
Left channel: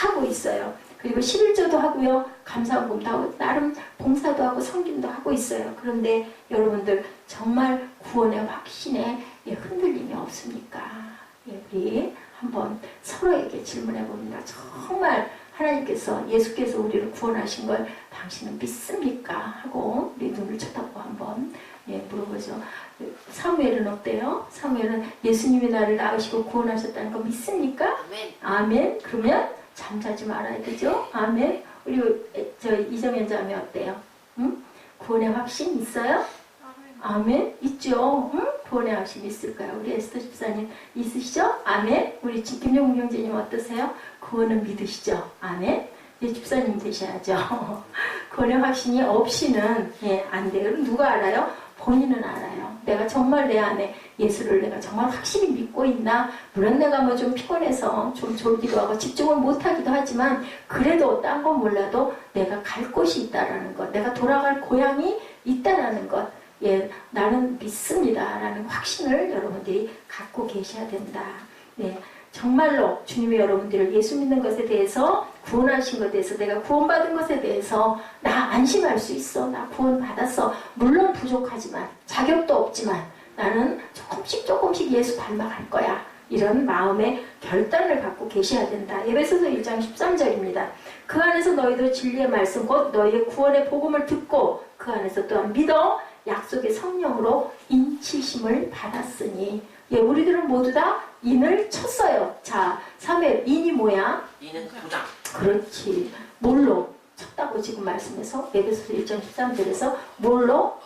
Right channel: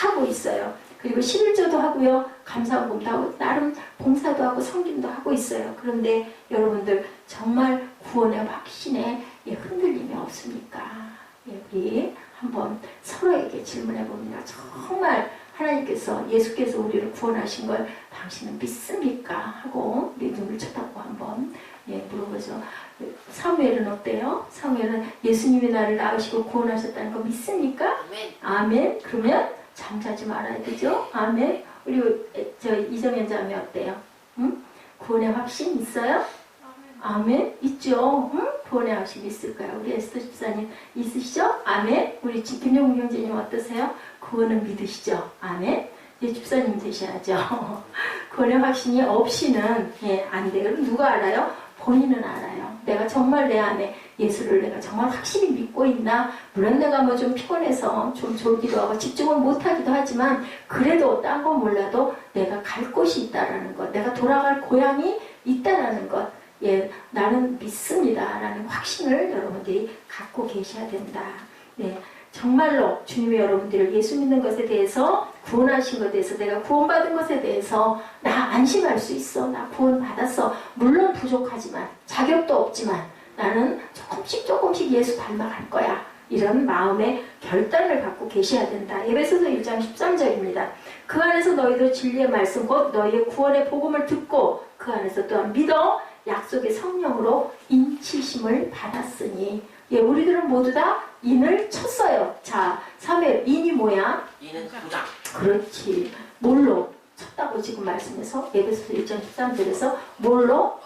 하고 있어요. 그리고 11조도 하고요. 감사헌금도 하고 나름 봉사도 하고 섬김도 하고 있어요. 그런데 여러분들 정말 구원의 확신에 흔들림이 없습니까? 우리 한번 서로에게 질문해 봅니다. 정말 하나님께서 예수께서 우리를 구원하신 걸 당신은 믿습니까? 하고 우리 눈을 쳐다보고 한번 물어보죠. 사무엘은 어때요? 사무엘은 예수님이 나를 낳으시고 구원하셨다는 거 믿습니까? 아멘. 아멘. 그러면 잠자지 말아야 되죠? 아멘. 우리 이정현 자매 어때요? 응? 구원의 확신 있어요? 아멘. 있죠? 응? 구원의 확신 있을까요? 우리 에스더 집사님 있으시죠? 아멘. 우리 김용국 형제님 어떠세요? 구원은 믿으시죠? 아멘. 집사님 되셔야죠. 구원의 확신이 없이는 안 돼요. 그럼 누가 알아요? 본인은 알아요. 내가 정말 내 안에 예수를 내가 정말 확실히 믿고 있나? 물론 내가 뭐 좀 피곤해서 좀 졸기도 하고 집중을 못하기도 하지만 그래도 딴 건 몰라도 내가 갈 곳이 있다라는 것, 내가 돌아갈 고향이 있다라는 것, 나는 믿습니다라는 확신을 여러분들이 갖고 계셔야 된다. 정말로 주님이 여러분들을 예수 믿는 것에 대해서 구원하신 것에 대해서 내가 구원받은 것에 대해서 나 안심할 수 있어. 나 구원받았어. 물론 부족하지만 자격도 없지만 나는 조금씩 예수 닮아갈 거야. 이런 마음의 결단을 갖고 계셔야 된다. 에베소서 1장 13절입니다. 그 안에서 너희도 진리의 말씀 곧 너희의 구원의 복음을 듣고 그 안에서 또한 믿어 약속의 성령으로 인치심을 받았으니 우리들은 모두 다 인을 쳤어요. 자, 3회 인이 뭐야? 인은 도장. 그렇지. 뭘로 쳤다고 지금 말씀해서 에베소서 1장 13절에서 뭘로?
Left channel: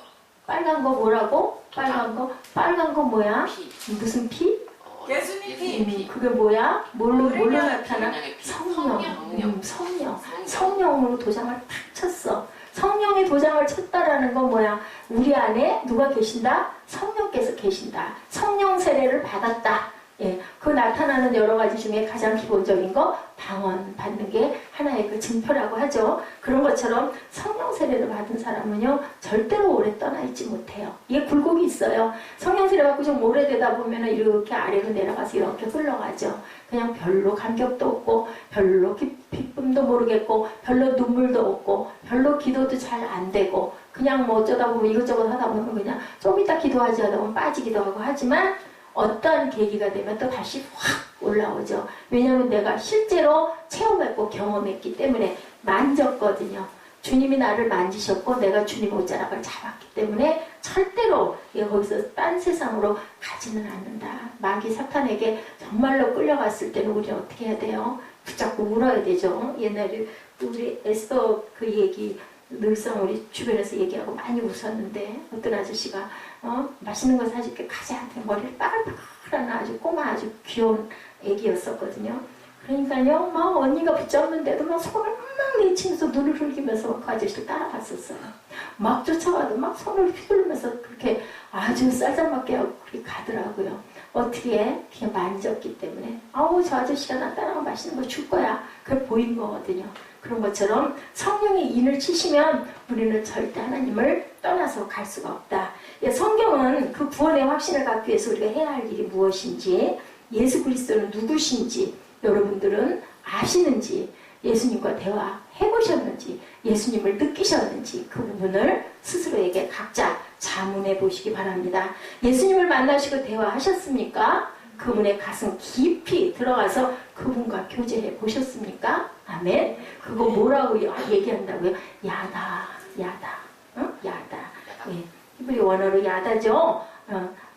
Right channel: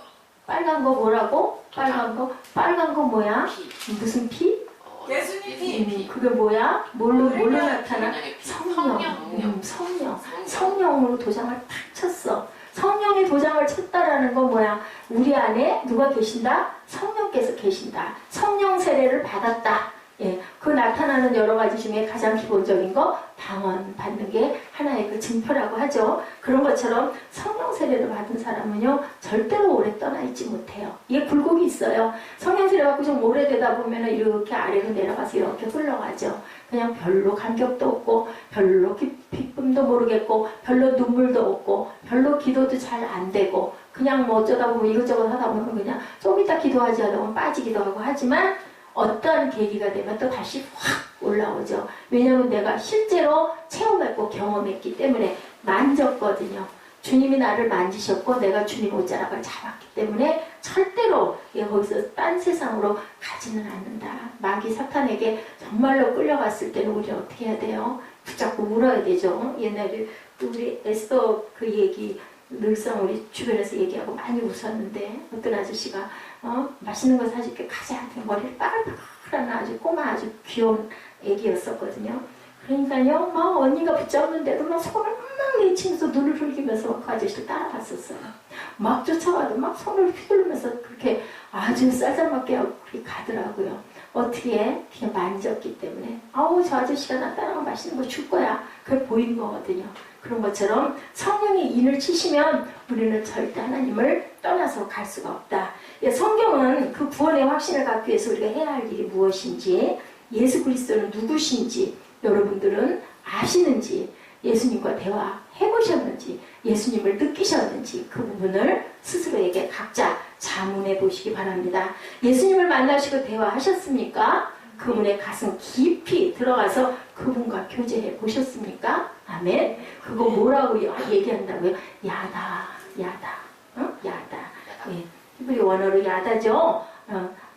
빨간 거 뭐라고? 빨간 거 뭐야? 피. 무슨 피? 예수님 피. 그게 뭐야? 뭘로 나타나? 성령. 성령. 성령으로 도장을 탁 쳤어. 성령의 도장을 쳤다라는 건 뭐야? 우리 안에 누가 계신다? 성령께서 계신다. 성령 세례를 받았다. 그 나타나는 여러 가지 중에 가장 기본적인 거 방언 받는 게 하나의 그 증표라고 하죠. 그런 것처럼 성령 세례를 받은 사람은요 절대로 오래 떠나 있지 못해요. 이게 굴곡이 있어요. 성령 세례 받고 좀 오래되다 보면 이렇게 아래로 내려가서 이렇게 흘러가죠. 그냥 별로 감격도 없고 별로 기쁨도 모르겠고 별로 눈물도 없고 별로 기도도 잘 안 되고 그냥 뭐 어쩌다 보면 이것저것 하다 보면 그냥 좀 이따 기도하지 하다 보면 빠지기도 하고 하지만 어떤 계기가 되면 또 다시 확 올라오죠. 왜냐하면 내가 실제로 체험했고 경험했기 때문에 만졌거든요. 주님이 나를 만지셨고 내가 주님 옷자락을 잡았기 때문에 절대로 거기서 딴 세상으로 가지는 않는다. 마귀 사탄에게 정말로 끌려갔을 때는 우리는 어떻게 해야 돼요? 붙잡고 물어야 되죠. 옛날에 우리 에스더 그 얘기 늘상 우리 주변에서 얘기하고 많이 웃었는데 어떤 아저씨가 맛있는 거 사줄게 가자. 머리를 빠글빠글한 아주 꼬마 아주 귀여운 애기였었거든요. 그러니까요 막 언니가 붙잡는데도 막 손을 막 내치면서 눈을 흘기면서 그 아저씨를 따라갔었어요. 막 쫓아가도 막 손을 휘두르면서 그렇게 아주 쌀쌀맞게 하고 그렇게 가더라고요. 어떻게 그냥 만졌기 때문에 아우 저 아저씨가 나 따라가면 맛있는 거 줄 거야. 그게 보인 거거든요. 그런 것처럼 성령이 인을 치시면 우리는 절대 하나님을 떠나서 갈 수가 없다. 성경은 그 구원의 확신을 갖기 위해서 우리가 해야 할 일이 무엇인지, 예수 그리스도는 누구신지 여러분들은 아시는지, 예수님과 대화해보셨는지, 예수님을 느끼셨는지 그 부분을 스스로에게 각자 자문해 보시기 바랍니다. 예수님을 만나시고 대화하셨습니까? 그분의 가슴 깊이 들어가서 그분과 교제해 보셨습니까? 아멘. 그거 뭐라고 얘기한다고요? 야다. 야다. 히브리 원어로 야다죠.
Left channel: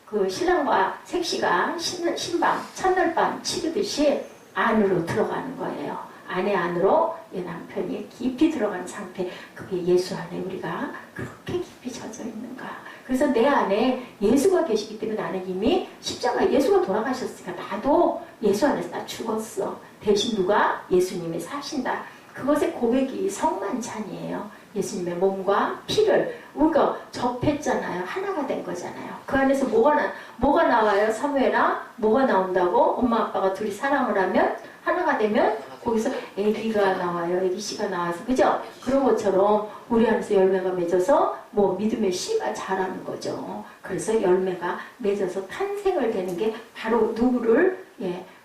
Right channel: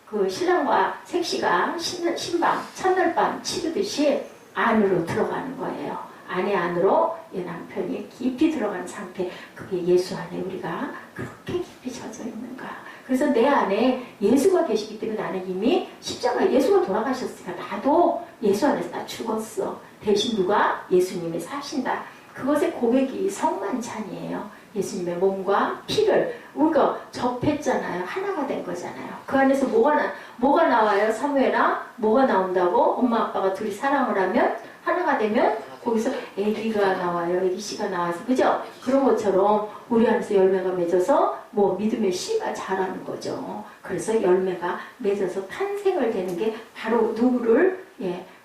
그 신랑과 색시가 신밤, 첫날밤 치르듯이 안으로 들어가는 거예요. 아내 안으로 남편이 깊이 들어가는 상태. 그게 예수 안에 우리가 그렇게 깊이 젖어 있는가. 그래서 내 안에 예수가 계시기 때문에 나는 이미 십자가 예수가 돌아가셨으니까 나도 예수 안에서 나 죽었어. 대신 누가? 예수님이 사신다. 그것의 고백이 성만찬이에요. 예수님의 몸과 피를 우리가 접했잖아요. 하나가 된 거잖아요. 그 안에서 뭐가 나와요? 사무엘아? 뭐가 나온다고? 엄마 아빠가 둘이 사랑을 하면 하나가 되면 거기서 애기가 나와요. 애기 씨가 나와서 그죠? 그런 것처럼 우리 안에서 열매가 맺어서 뭐 믿음의 씨가 자라는 거죠. 그래서 열매가 맺어서 탄생을 되는 게 바로 누구를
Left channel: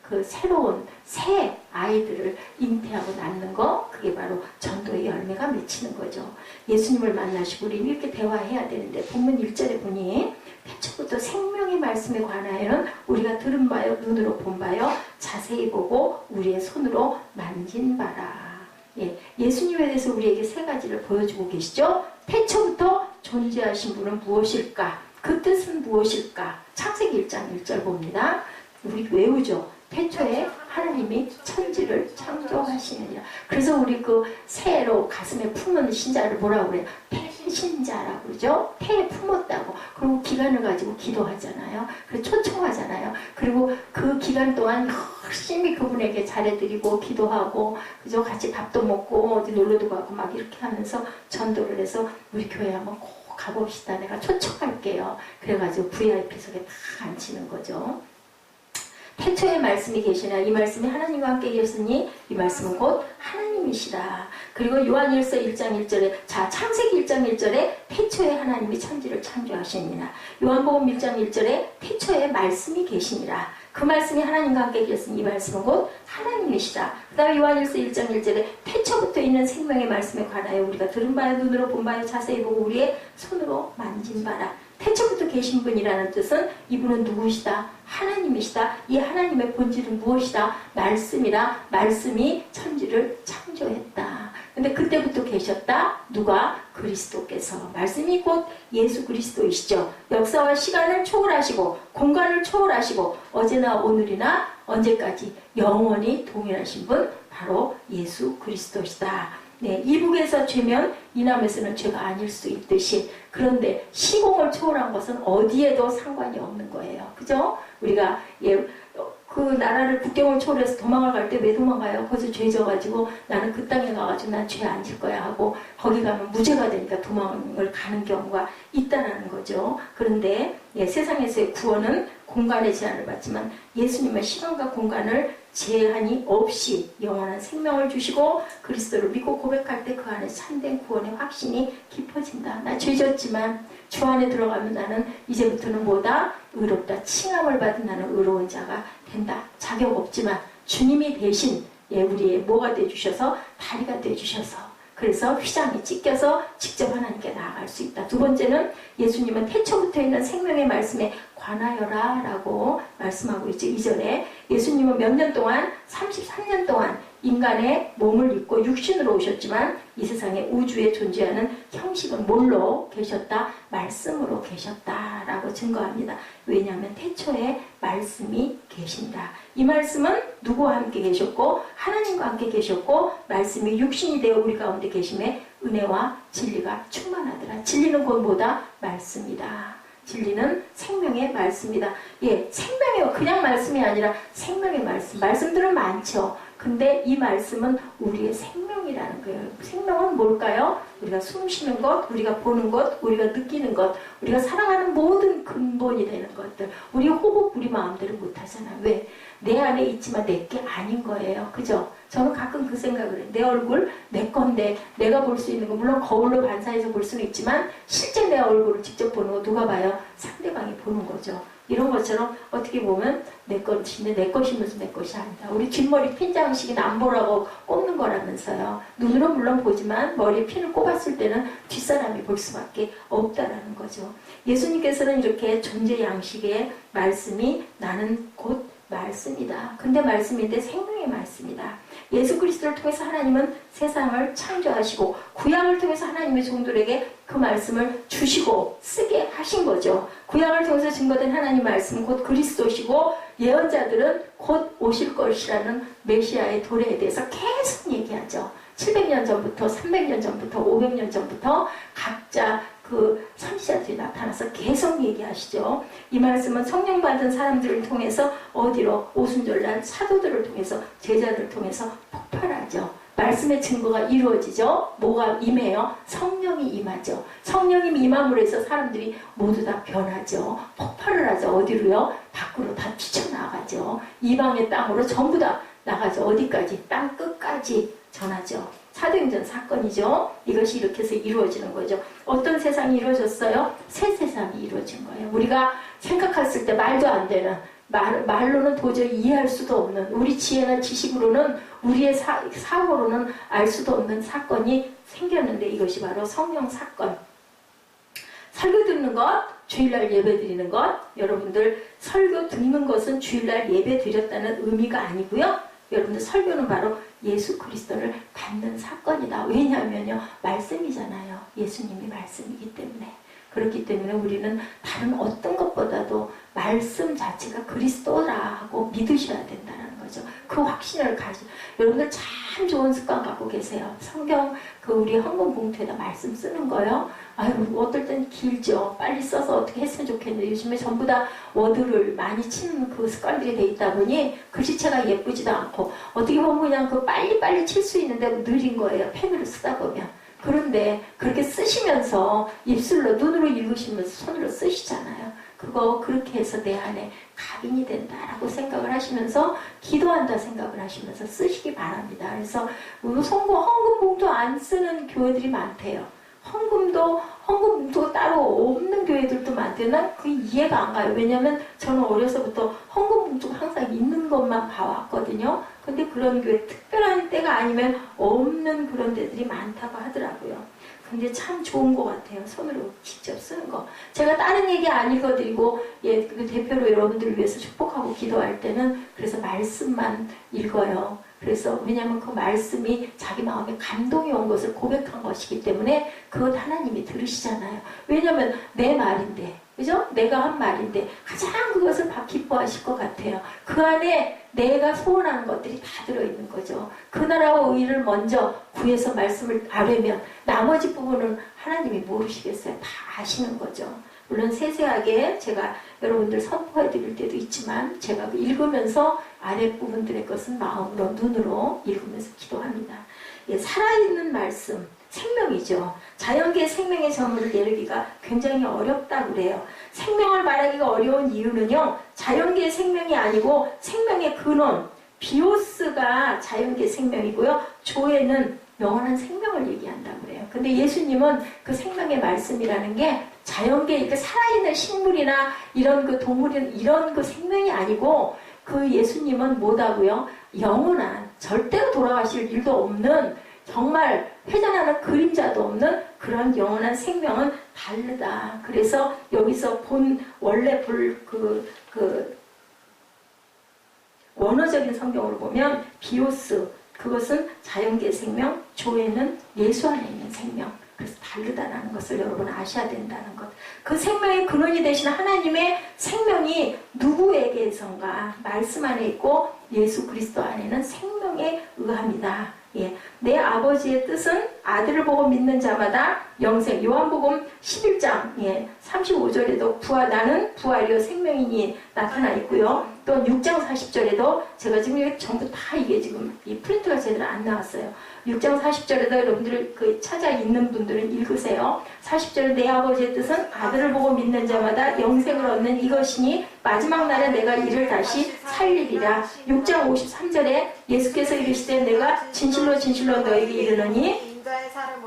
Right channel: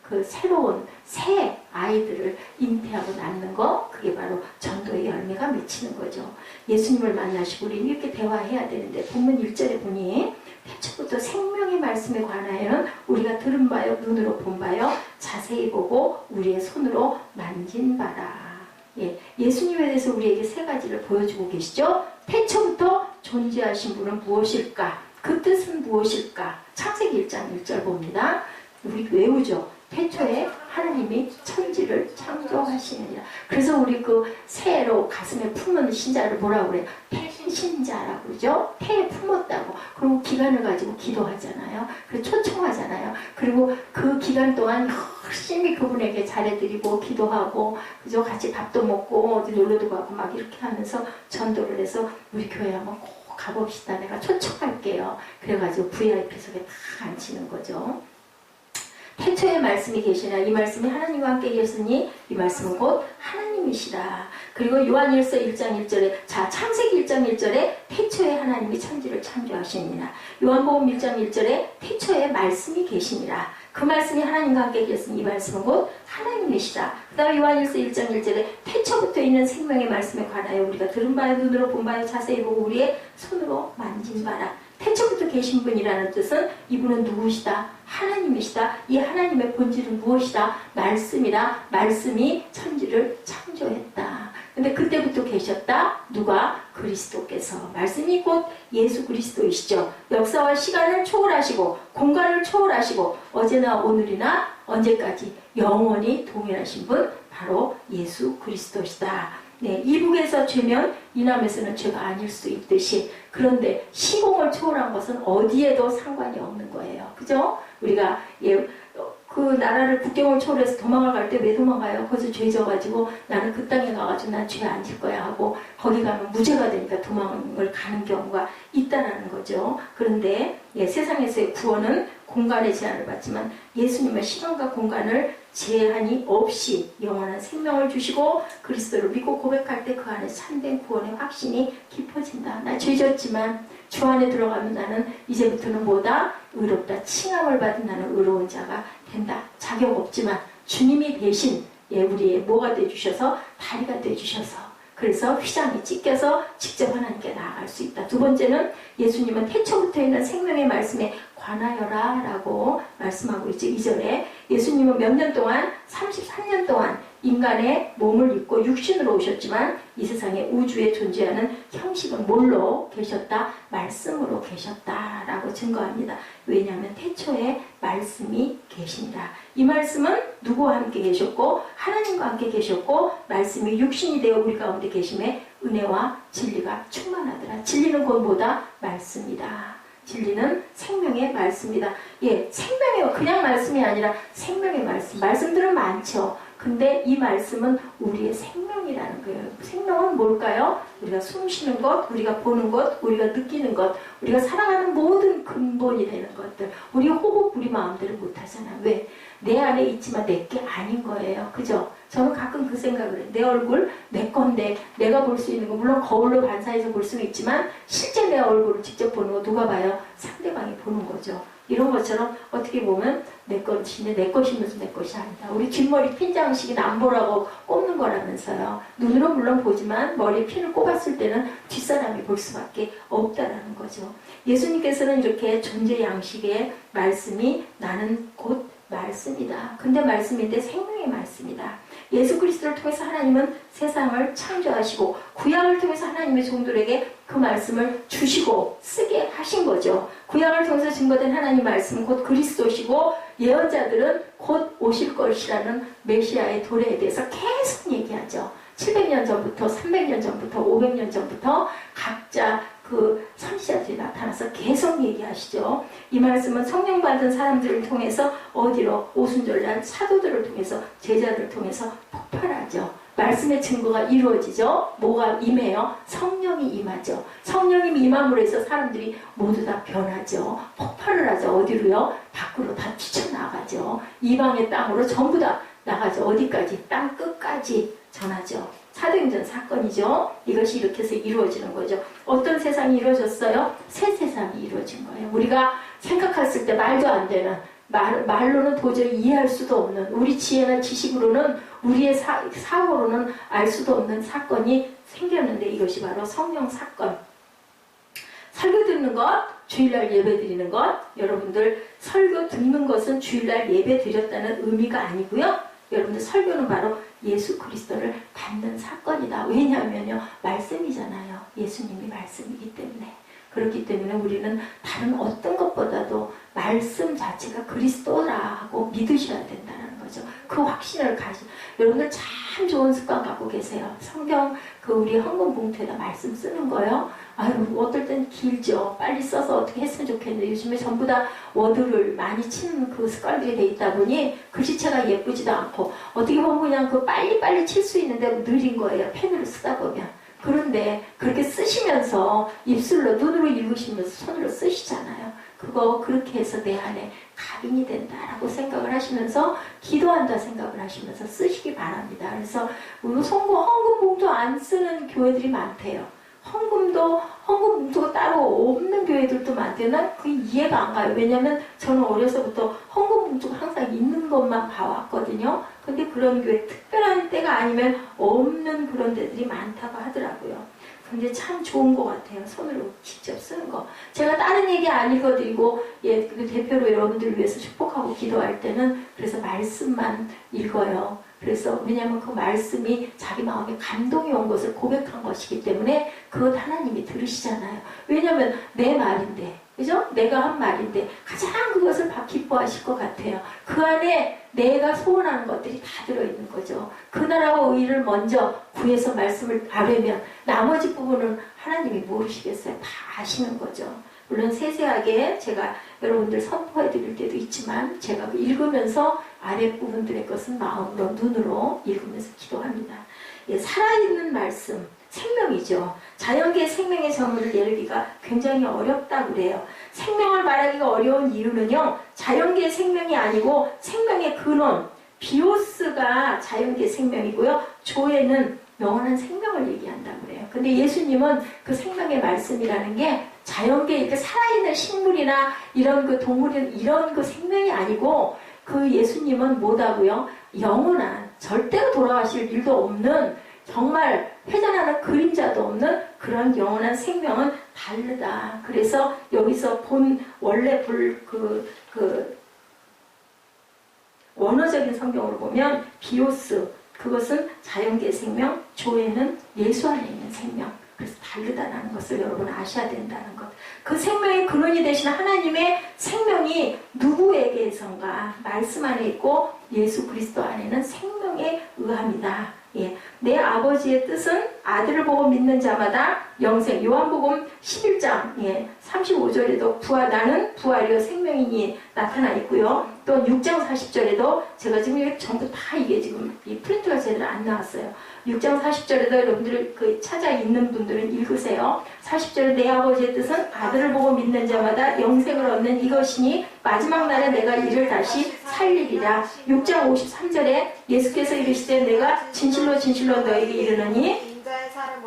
그 새로운 새 아이들을 잉태하고 낳는 거, 그게 바로 전도의 열매가 맺히는 거죠. 예수님을 만나시고 우리 이렇게 대화해야 되는데 본문 1절에 보니 태초부터 생명의 말씀에 관하여는 우리가 들은 바요 눈으로 본 바요 자세히 보고 우리의 손으로 만진 바라. 예수님에 대해서 우리에게 세 가지를 보여주고 계시죠. 태초부터 존재하신 분은 무엇일까? 그 뜻은 무엇일까? 창세기 1장 1절 봅니다. 우리 외우죠. 태초에 하나님이 천지를 창조하시느니라. 그래서 우리 그 새로 가슴에 품은 신자를 뭐라고 그래요? 태신자라고 그러죠. 태에 품었다고. 그리고 기간을 가지고 기도하잖아요. 그리고 초청하잖아요. 그리고 그 기간 동안 열심히 그분에게 잘해드리고 기도하고 그죠? 같이 밥도 먹고 어디 놀러도 가고 막 이렇게 하면서 전도를 해서 우리 교회 한번 꼭 가봅시다. 내가 초청할게요. 그래가지고 VIP석에 다 앉히는 거죠. 태초에 말씀이 계시나 이 말씀이 하나님과 함께 계셨으니 이 말씀은 곧 하나님이시라. 그리고 요한일서 1장 1절에 자 창세기 1장 1절에 태초에 하나님이 천지를 창조하시니라. 요한복음 1장 1절에 태초에 말씀이 계시니라. 그 말씀이 하나님과 함께 계셨으니 이 말씀은 곧 하나님이시라. 그 다음에 요한일서 1장 1절에 태초부터 있는 생명의 말씀에 관하여 우리가 들은 바에 눈으로 본 바에 자세히 보고 우리의 손으로 만진 바라. 태초부터 계신 분이라는 뜻은 이분은 누구시다? 하나님이시다. 이 하나님의 본질은 무엇이다? 말씀이라. 말씀이 천지를 창조했다. 근데 그때부터 계셨다. 누가? 그리스도께서. 말씀이 곧 예수 그리스도이시죠. 역사와 시간을 초월하시고 공간을 초월하시고 어제나 오늘이나 언제까지 영원히 동일하신 분 바로 예수 그리스도시다. 네, 이북에서 죄면 이남에서는 죄가 아닐 수 있듯이 그런데 시공을 초월한 것은 어디에도 상관이 없는 거예요. 그죠? 우리가 그 나라를 국경을 초월해서 도망을 갈 때 왜 도망가요? 거기서 죄 져가지고 나는 그 땅에 가가지고 난 죄 안 질 거야 하고 거기 가면 무죄가 되니까 도망을 가는 경우가 있다라는 거죠. 그런데 세상에서의 구원은 공간의 제한을 받지만 예수님은 시간과 공간을 제한이 없이 영원한 생명을 주시고 그리스도를 믿고 고백할 때 그 안에 참된 구원의 확신이 깊어진다. 나 죄졌지만 주 안에 들어가면 나는 이제부터는 뭐다? 의롭다. 칭함을 받은 나는 의로운 자가 된다. 자격 없지만 주님이 대신 우리의 뭐가 되주셔서 다리가 되주셔서 그래서 휘장이 찢겨서 직접 하나님께 나아갈 수 있다. 두 번째는 예수님은 태초부터 있는 생명의 말씀에 관하여라 라고 말씀하고 있죠. 2절에 예수님은 몇 년 동안 33년 동안 인간의 몸을 입고 육신으로 오셨지만 이 세상에 우주에 존재하는 형식은 뭘로 계셨다? 말씀으로 계셨다라고 증거합니다. 왜냐하면 태초에 말씀이 계신다. 이 말씀은 누구와 함께 계셨고 하나님과 함께 계셨고 말씀이 육신이 되어 우리 가운데 계심에 은혜와 진리가 충만하더라. 진리는 곧 뭐다? 말씀이다. 진리는 생명의 말씀이다. 생명의 그냥 말씀이 아니라 생명의 말씀. 말씀들은 많죠. 근데 이 말씀은 우리의 생명이라는 거예요. 생명은 뭘까요? 우리가 숨 쉬는 것, 우리가 보는 것, 우리가 느끼는 것, 우리가 살아가는 모든 근본이 되는 것들. 우리 호흡, 우리 마음대로 못하잖아. 왜? 내 안에 있지만 내 게 아닌 거예요. 그죠? 저는 가끔 그 생각을 해요. 내 얼굴, 내 건데 내가 볼 수 있는 거 물론 거울로 반사해서 볼 수는 있지만 실제 내 얼굴을 직접 보는 거 누가 봐요? 상대방이 보는 거죠. 이런 것처럼 어떻게 보면 내 것인데 내 것이면서 내 것이 아니다. 우리 뒷머리 핀 장식이 안 보라고 꼽는 거라면서요. 눈으로 물론 보지만 머리에 핀을 꼽았을 때는 뒷사람이 볼 수밖에 없다라는 거죠. 예수님께서는 이렇게 존재 양식의 말씀이 나는 곧 말씀이다. 근데 말씀인데 생명의 말씀이다. 예수 그리스도를 통해서 하나님은 세상을 창조하시고 구약을 통해서 하나님의 종들에게 그 말씀을 주시고 쓰게 하신 거죠. 구약을 통해서 증거된 하나님 말씀은 곧 그리스도시고 예언자들은 곧 오실 것이라는 메시아의 도래에 대해서 계속 얘기하죠. 700년 전부터 300년 전부터 500년 전부터 각자 그 선지자들이 나타나서 계속 얘기하시죠. 이 말씀은 성령 받은 사람들을 통해서 어디로 오순절날 사도들을 통해서 제자들을 통해서 폭발하죠. 말씀의 증거가 이루어지죠. 뭐가 임해요? 성령이 임하죠. 성령이 임함으로 해서 사람들이 모두 다 변하죠. 폭발을 하죠. 어디로요? 밖으로 다 뛰쳐나가죠. 이방의 땅으로 전부 다 나가죠. 어디까지? 땅 끝까지 전하죠. 사도행전 사건이죠. 이것이 이렇게 해서 이루어지는 거죠. 어떤 세상이 이루어졌어요? 새 세상이 이루어진 거예요. 우리가 생각했을 때 말도 안 되는 말로는 도저히 이해할 수도 없는 우리 지혜나 지식으로는 우리의 사고로는 알 수도 없는 사건이 생겼는데 이것이 바로 성령 사건. 설교 듣는 것, 주일날 예배 드리는 것. 여러분들 설교 듣는 것은 주일날 예배 드렸다는 의미가 아니고요. 여러분들 설교는 바로 예수 그리스도를 받는 사건이다. 왜냐하면요. 말씀이잖아요. 예수님이 말씀이기 때문에. 그렇기 때문에 우리는 다른 어떤 것보다도 말씀 자체가 그리스도라고 믿으셔야 된다는 거죠. 거죠. 그 확신을 가지. 여러분들 참 좋은 습관 갖고 계세요. 성경 우리 헌금 봉투에다 말씀 쓰는 거요. 아유, 어떨 땐 길죠. 빨리 써서 어떻게 했으면 좋겠는데 요즘에 전부 다 워드를 많이 치는 그 습관들이 돼 있다 보니 글씨체가 예쁘지도 않고 어떻게 보면 그냥 그 빨리빨리 칠 수 있는데 느린 거예요. 펜으로 쓰다 보면. 그런데 그렇게 쓰시면서 입술로 눈으로 읽으시면서 손으로 쓰시잖아요. 그거 그렇게 해서 내 안에 각인이 된다라고 생각을 하시면서 기도한다 생각을 하시면서 쓰시기 바랍니다. 그래서 헌금 봉투 안 쓰는 교회들이 많대요. 헌금 봉투가 따로 없는 교회들도 많대요. 난 그게 이해가 안 가요. 왜냐면 저는 어려서부터 헌금 봉투가 항상 있는 것만 봐왔거든요. 근데 그런 교회 특별한 때가 아니면 없는 그런 데들이 많다고 하더라고요. 근데 참 좋은 것 같아요. 손으로 직접 쓰는 거. 제가 다른 얘기 안 읽어드리고 그 대표로 여러분들을 위해서 축복하고 기도할 때는 그래서 말씀만 읽어요. 그래서 왜냐하면 그 말씀이 자기 마음에 감동이 온 것을 고백한 것이기 때문에 그것 하나님이 들으시잖아요. 왜냐하면 내 말인데, 그죠? 내가 한 말인데 가장 그것을 기뻐하실 것 같아요. 그 안에 내가 소원하는 것들이 다 들어있는 거죠. 그 나라와 의를 먼저 구해서 말씀을 아뢰면 나머지 부분은 하나님이 모르시겠어요. 다 아시는 거죠. 물론 세세하게 제가 여러분들 선포해 드릴 때도 있지만 제가 읽으면서 아랫부분들의 것은 마음으로 눈으로 읽으면서 기도합니다. 예, 살아있는 말씀, 생명이죠. 자연계의 생명의 정의를 내리기가 굉장히 어렵다고 그래요. 생명을 말하기가 어려운 이유는요. 자연계의 생명이 아니고 생명의 근원, 비오스가 자연계의 생명이고요. 조에는 영원한 생명을 얘기한다고 그래요. 근데 예수님은 그 생명의 말씀이라는 게 자연계 이렇게 살아있는 식물이나 이런 그 동물이나 이런 그 생명이 아니고 그 예수님은 뭐다고요? 영원한 절대로 돌아가실 일도 없는 정말 회전하는 그림자도 없는 그런 영원한 생명은 다르다. 그래서 여기서 원래 원어적인 성경으로 보면 비오스 그것은 자연계의 생명, 조에는 예수 안에 있는 생명. 그래서 다르다는 것을 여러분 아셔야 된다는 것. 그 생명의 근원이 되신 하나님의 생명이 누구에게선가 말씀 안에 있고 예수 그리스도 안에는 생명에 의합니다. 예, 내 아버지의 뜻은 아들을 보고 믿는 자마다 영생. 요한복음 11장 35절에도 나는 부활이요 생명이니 나타나 있고요. 또 6장 40절에도 제가 지금 이게 전부 다 이게 지금 이 프린트가 제대로 안 나왔어요. 6장 40절에도 여러분들 찾아 있는 분들은 읽으세요. 40절에 내 아버지의 뜻은 아들을 보고 믿는 자마다 영생을 얻는 이것이니 마지막 날에 내가 이를 다시 살리리라. 6장 53절에 예수께서 이르시되 내가 진실로 진실로 너에게 이르노니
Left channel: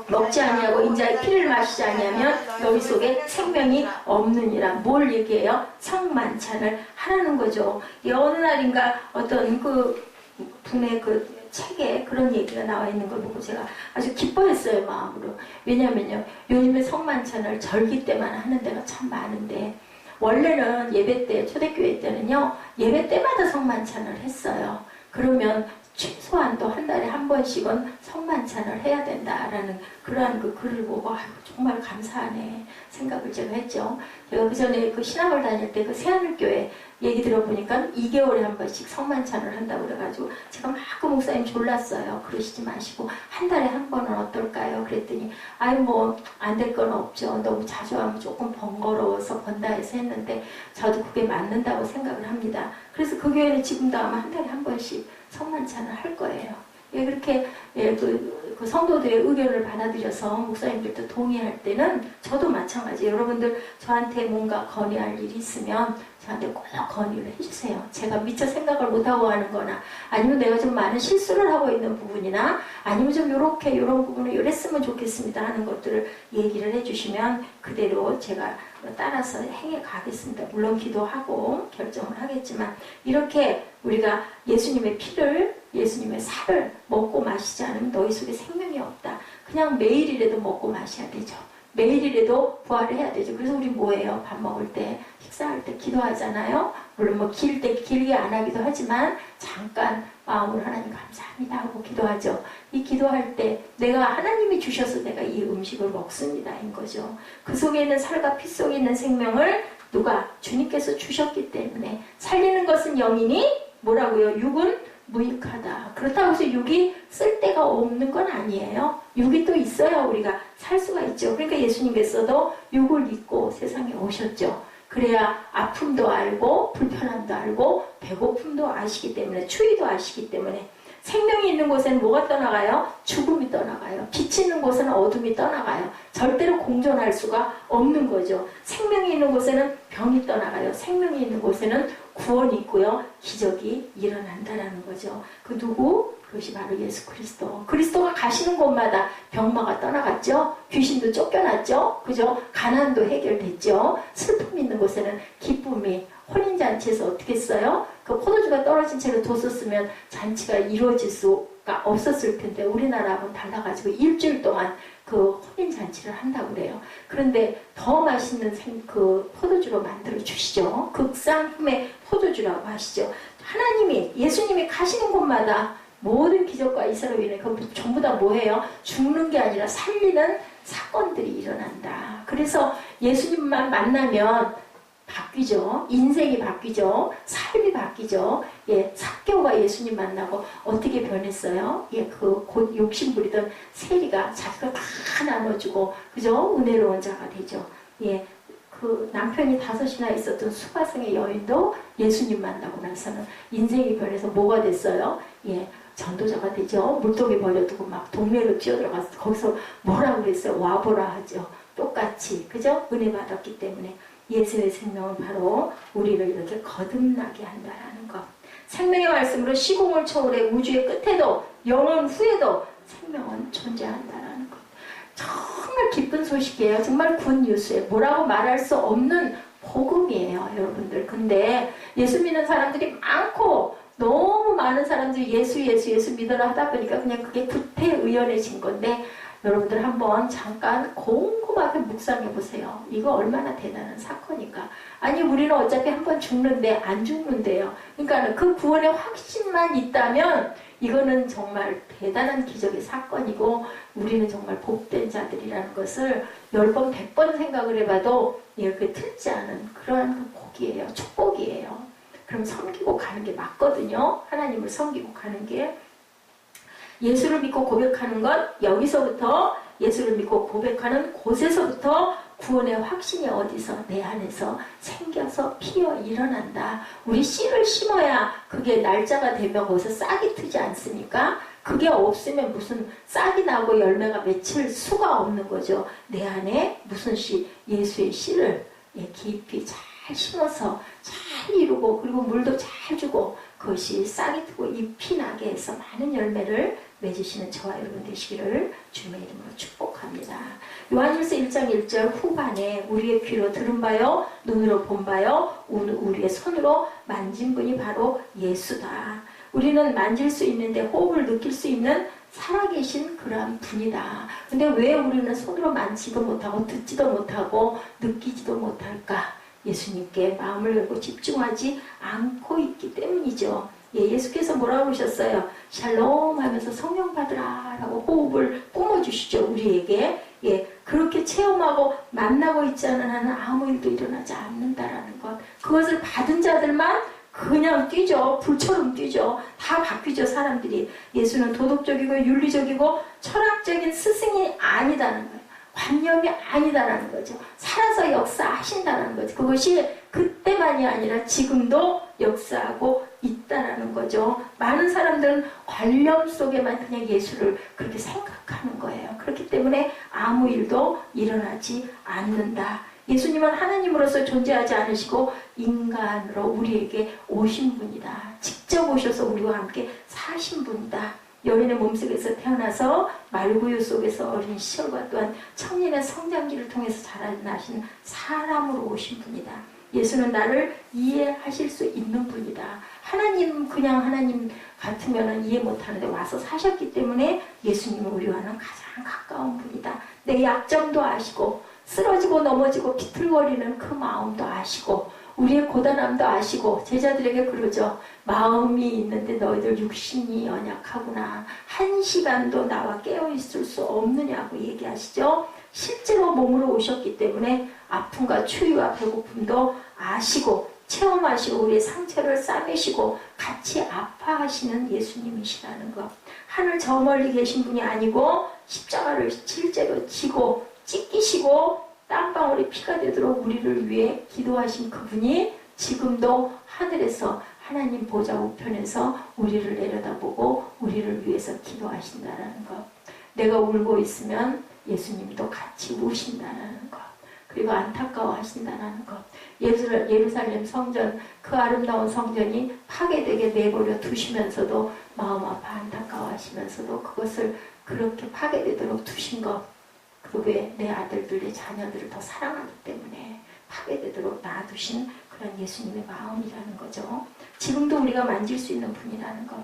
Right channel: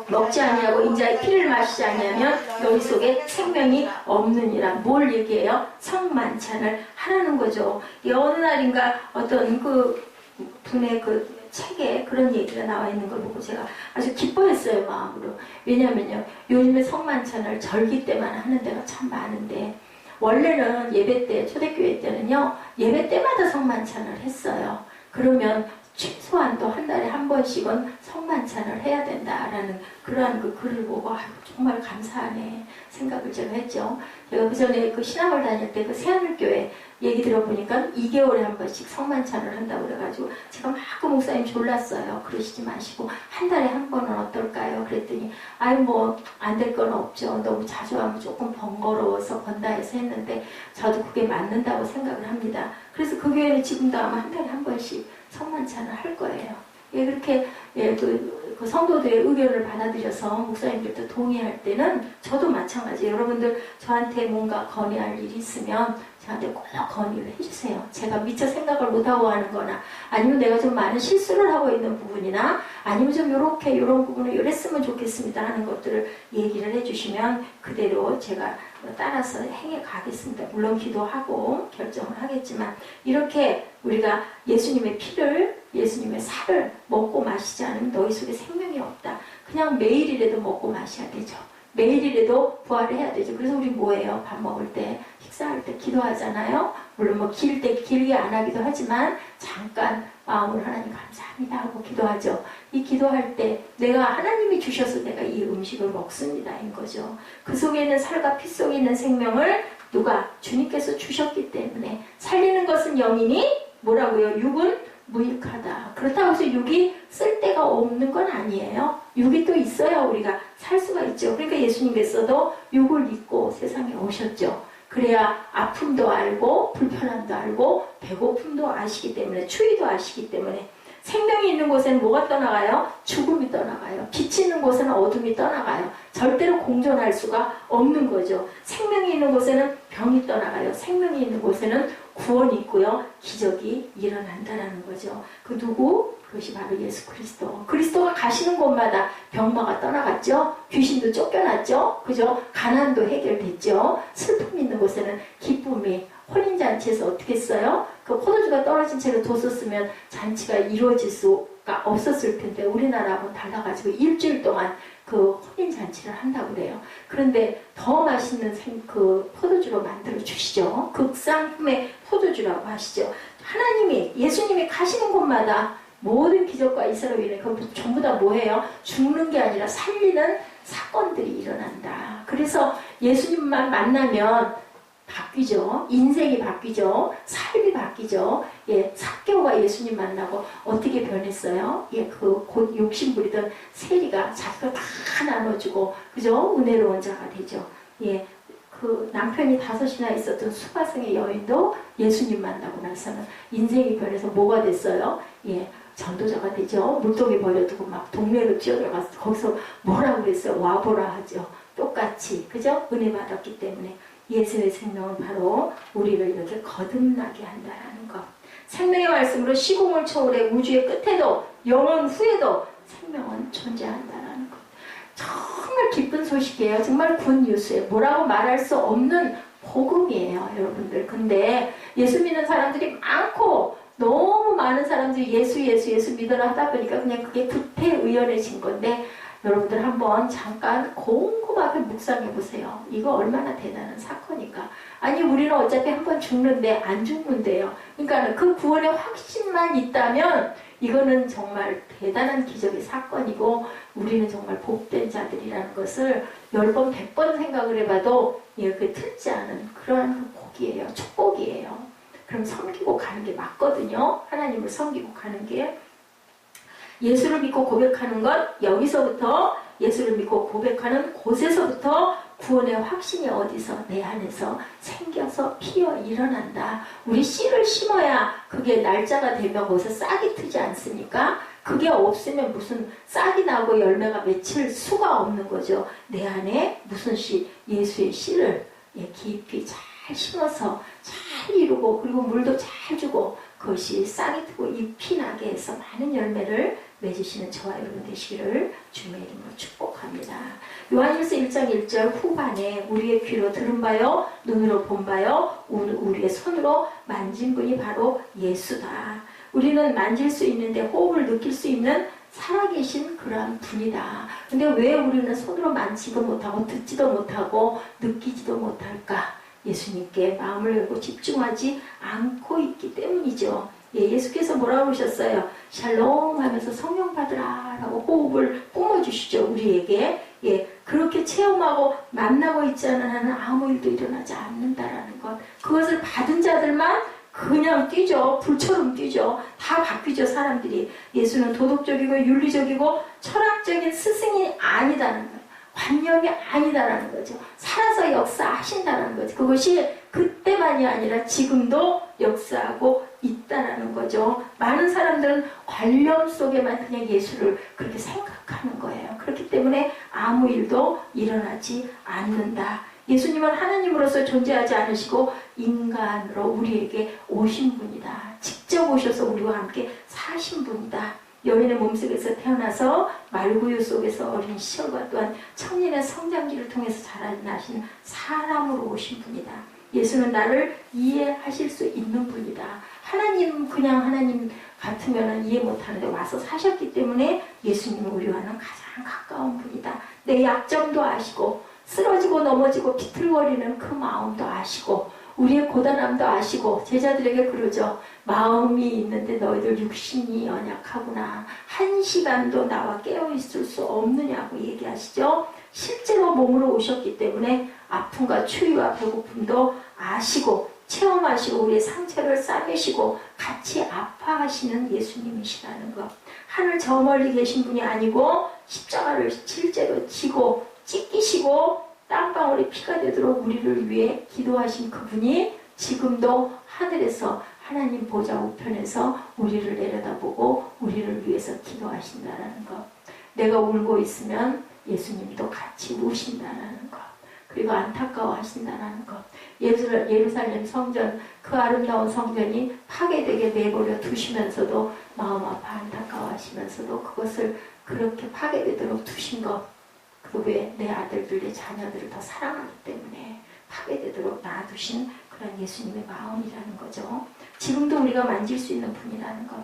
먹지 아니하고 인자의 피를 마시지 아니하면 너희 속에 생명이 없느니라. 뭘 얘기해요? 성만찬을 하라는 거죠. 어느 날인가 어떤 그 분의 그 책에 그런 얘기가 나와 있는 걸 보고 제가 아주 기뻐했어요, 마음으로. 왜냐면요, 요즘에 성만찬을 절기 때만 하는 데가 참 많은데 원래는 예배 때, 초대교회 때는요, 예배 때마다 성만찬을 했어요. 그러면 최소한도 한 달에 한 번씩은 성만찬을 해야 된다라는 그러한 그 글을 보고 정말 감사하네 생각을 제가 했죠. 제가 그 전에 그 신학을 다닐 때 그 새하늘교회 얘기 들어보니까 2개월에 한 번씩 성만찬을 한다고 그래가지고 제가 막 그 목사님 졸랐어요. 그러시지 마시고 한 달에 한 번은 어떨까요? 그랬더니 뭐 안 될 건 없죠. 너무 자주 하면 조금 번거로워서 번다 해서 했는데 저도 그게 맞는다고 생각을 합니다. 그래서 그 교회는 지금도 아마 한 달에 한 번씩 성만찬을 할 거예요. 예, 그렇게 그 성도들의 의견을 받아들여서 목사님들도 동의할 때는 저도 마찬가지. 여러분들 저한테 뭔가 건의할 일이 있으면 저한테 꼭 건의를 해주세요. 제가 미처 생각을 못하고 하는 거나 아니면 내가 좀 많은 실수를 하고 있는 부분이나 아니면 좀 이런 부분을 이랬으면 좋겠습니다 하는 것들을 얘기를 해주시면 그대로 제가 따라서 행해 가겠습니다. 물론 기도하고 결정을 하겠지만 이렇게 우리가 예수님의 피를 예수님의 살을 먹고 마시지 않으면 너희 속에 생명이 없다. 그냥 매일이라도 먹고 마셔야 되죠. 매일이라도 부활을 해야 되죠. 그래서 우리 뭐예요? 밥 먹을 때, 식사할 때 기도하잖아요. 물론 뭐 길게 안 하기도 하지만 잠깐 마음으로 하나님 감사합니다 하고 기도하죠. 이 기도할 때 내가 하나님이 주셔서 내가 이 음식을 먹습니다인 거죠. 그 속에 있는 살과 피 속에 있는 생명을 누가? 주님께서 주셨기 때문에 살리는 것은 영이니 뭐라고요? 육은 무익하다. 그렇다고 해서 육이 쓸데가 없는 건 아니에요. 육이 또 있어야 우리가 살 수가 있죠. 그러니까 예수님께서도 육을 입고 세상에 오셨죠. 그래야 아픔도 알고 불편함도 알고 배고픔도 아시기 때문에 추위도 아시기 때문에 생명이 있는 곳에는 뭐가 떠나가요? 죽음이 떠나가요. 빛이 있는 곳에는 어둠이 떠나가요. 절대로 공존할 수가 없는 거죠. 생명이 있는 곳에는 병이 떠나가요. 생명이 있는 곳에는 구원이 있고요. 기적이 일어난다라는 거죠. 그 누구? 그것이 바로 예수 그리스도. 그리스도가 가시는 곳마다 병마가 떠나갔죠. 귀신도 쫓겨났죠. 그죠? 가난도 해결됐죠. 슬픔이 있는 곳에는 기쁨이, 혼인잔치에서 어떻게 했어요? 그 포도주가 떨어진 채로 뒀었으면 잔치가 이루어질 수가 없었을 텐데 우리나라하고는 달라가지고 일주일 동안 그 혼인잔치를 한다고 그래요. 그런데 더 맛있는 그 포도주로 만들어 주시죠. 극상품의 포도주라고 하시죠. 하나님이, 예수님이 가시는 곳마다 모든 기적과 이사로 인해 그 전부 다 뭐예요? 죽는 게 아니라 살리는 사건들이 일어난다. 그래서 예수님만 만나면 바뀌죠. 인생이 바뀌죠. 삶이 바뀌죠. 예, 삭개오가 예수님 만나고 어떻게 변했어요? 예, 그 곧 욕심 부리던 세리가 자기가 다 나눠주고, 그죠? 은혜로운 자가 되죠. 예, 그 남편이 5이나 있었던 수가성의 여인도 예수님 만나고 나서는 인생이 변해서 뭐가 됐어요? 예, 전도자가 되죠. 물동에 버려두고 막 동네로 뛰어들어가서 거기서 뭐라 그랬어요? 와보라 하죠. 똑같이, 그죠? 은혜 받았기 때문에. 예수의 생명은 바로 우리를 이렇게 거듭나게 한다라는 것. 생명의 말씀으로 시공을 초월해 우주의 끝에도 영원 후에도 생명은 존재한다라는 것. 정말 기쁜 소식이에요. 정말 굿뉴스예요. 뭐라고 말할 수 없는 복음이에요, 여러분들. 근데 예수 믿는 사람들이 많고 너무 많은 사람들이 예수 믿으라 하다 보니까 그냥 그게 구태의연해진 건데, 여러분들 한번 잠깐 곰곰하게 묵상해 보세요. 이거 얼마나 대단한 사건일까. 아니 우리는 어차피 한번 죽는데 안 죽는데요. 그러니까 그 구원의 확신만 있다면 이거는 정말 대단한 기적의 사건이고 우리는 정말 복된 자들이라는 것을 10번 100번 생각을 해봐도 이렇게 틀지 않은 그러한 그 복이에요. 축복이에요. 그럼 섬기고 가는 게 맞거든요. 하나님을 섬기고 가는 게. 예수를 믿고 고백하는 것, 여기서부터 예수를 믿고 고백하는 곳에서부터 구원의 확신이 어디서? 내 안에서 생겨서 피어 일어난다. 우리 씨를 심어야 그게 날짜가 되면 거기서 싹이 트지 않습니까? 그게 없으면 무슨 싹이 나고 열매가 맺힐 수가 없는 거죠. 내 안에 무슨 씨? 예수의 씨를 깊이 잘 심어서 잘 이루고 그리고 물도 잘 주고 그것이 싹이 트고 잎이 나게 해서 많은 열매를 맺으시는 저와 여러분 되시기를 주님의 이름으로 축복합니다. 요한일서 1장 1절 후반에 우리의 귀로 들은 바요 눈으로 본 바요 우리의 손으로 만진 분이 바로 예수다. 우리는 만질 수 있는데 호흡을 느낄 수 있는 살아계신 그러한 분이다. 근데 왜 우리는 손으로 만지도 못하고 듣지도 못하고 느끼지도 못할까? 예수님께 마음을 열고 집중하지 않고 있기 때문이죠. 예수께서 뭐라고 그러셨어요? 샬롬 하면서 성령 받으라 라고 호흡을 뿜어주시죠. 우리에게. 그렇게 체험하고 만나고 있지 않은 한은 아무 일도 일어나지 않는다라는 것. 그것을 받은 자들만 그냥 뛰죠. 불처럼 뛰죠. 다 바뀌죠, 사람들이. 예수는 도덕적이고 윤리적이고 철학적인 스승이 아니다는 거예요. 관념이 아니다라는 거죠. 살아서 역사하신다는 거죠. 그것이 그때만이 아니라 지금도 역사하고 있다라는 거죠. 많은 사람들은 관념 속에만 그냥 예수를 그렇게 생각하는 거예요. 그렇기 때문에 아무 일도 일어나지 않는다. 예수님은 하나님으로서 존재하지 않으시고 인간으로 우리에게 오신 분이다. 직접 오셔서 우리와 함께 사신 분이다. 여인의 몸속에서 태어나서 말구유 속에서 어린 시절과 또한 청년의 성장기를 통해서 자라나신 사람으로 오신 분이다. 예수는 나를 이해하실 수 있는 분이다. 하나님, 그냥 하나님 같으면 이해 못하는데 와서 사셨기 때문에 예수님은 우리와는 가장 가까운 분이다. 내 약점도 아시고 쓰러지고 넘어지고 비틀거리는 그 마음도 아시고 우리의 고단함도 아시고 제자들에게 그러죠. 마음이 있는데 너희들 육신이 연약하구나. 1시간도 나와 깨어있을 수 없느냐고 얘기하시죠. 실제로 몸으로 오셨기 때문에 아픔과 추위와 배고픔도 아시고 체험하시고 우리의 상처를 싸매시고 같이 아파하시는 예수님이시라는 것. 하늘 저 멀리 계신 분이 아니고 십자가를 실제로 지고 찢기시고 땀방울이 피가 되도록 우리를 위해 기도하신 그분이 지금도 하늘에서 하나님 보좌 우편에서 우리를 내려다보고 우리를 위해서 기도하신다라는 것. 내가 울고 있으면 예수님도 같이 우신다라는 것. 그리고 안타까워하신다라는 것. 예루살렘 성전, 그 아름다운 성전이 파괴되게 내버려 두시면서도 마음 아파 안타까워하시면서도 그것을 그렇게 파괴되도록 두신 것. 그 외에 내 아들들, 내 자녀들을 더 사랑하기 때문에 파괴되도록 놔두신 그런 예수님의 마음이라는 거죠. 지금도 우리가 만질 수 있는 분이라는 것.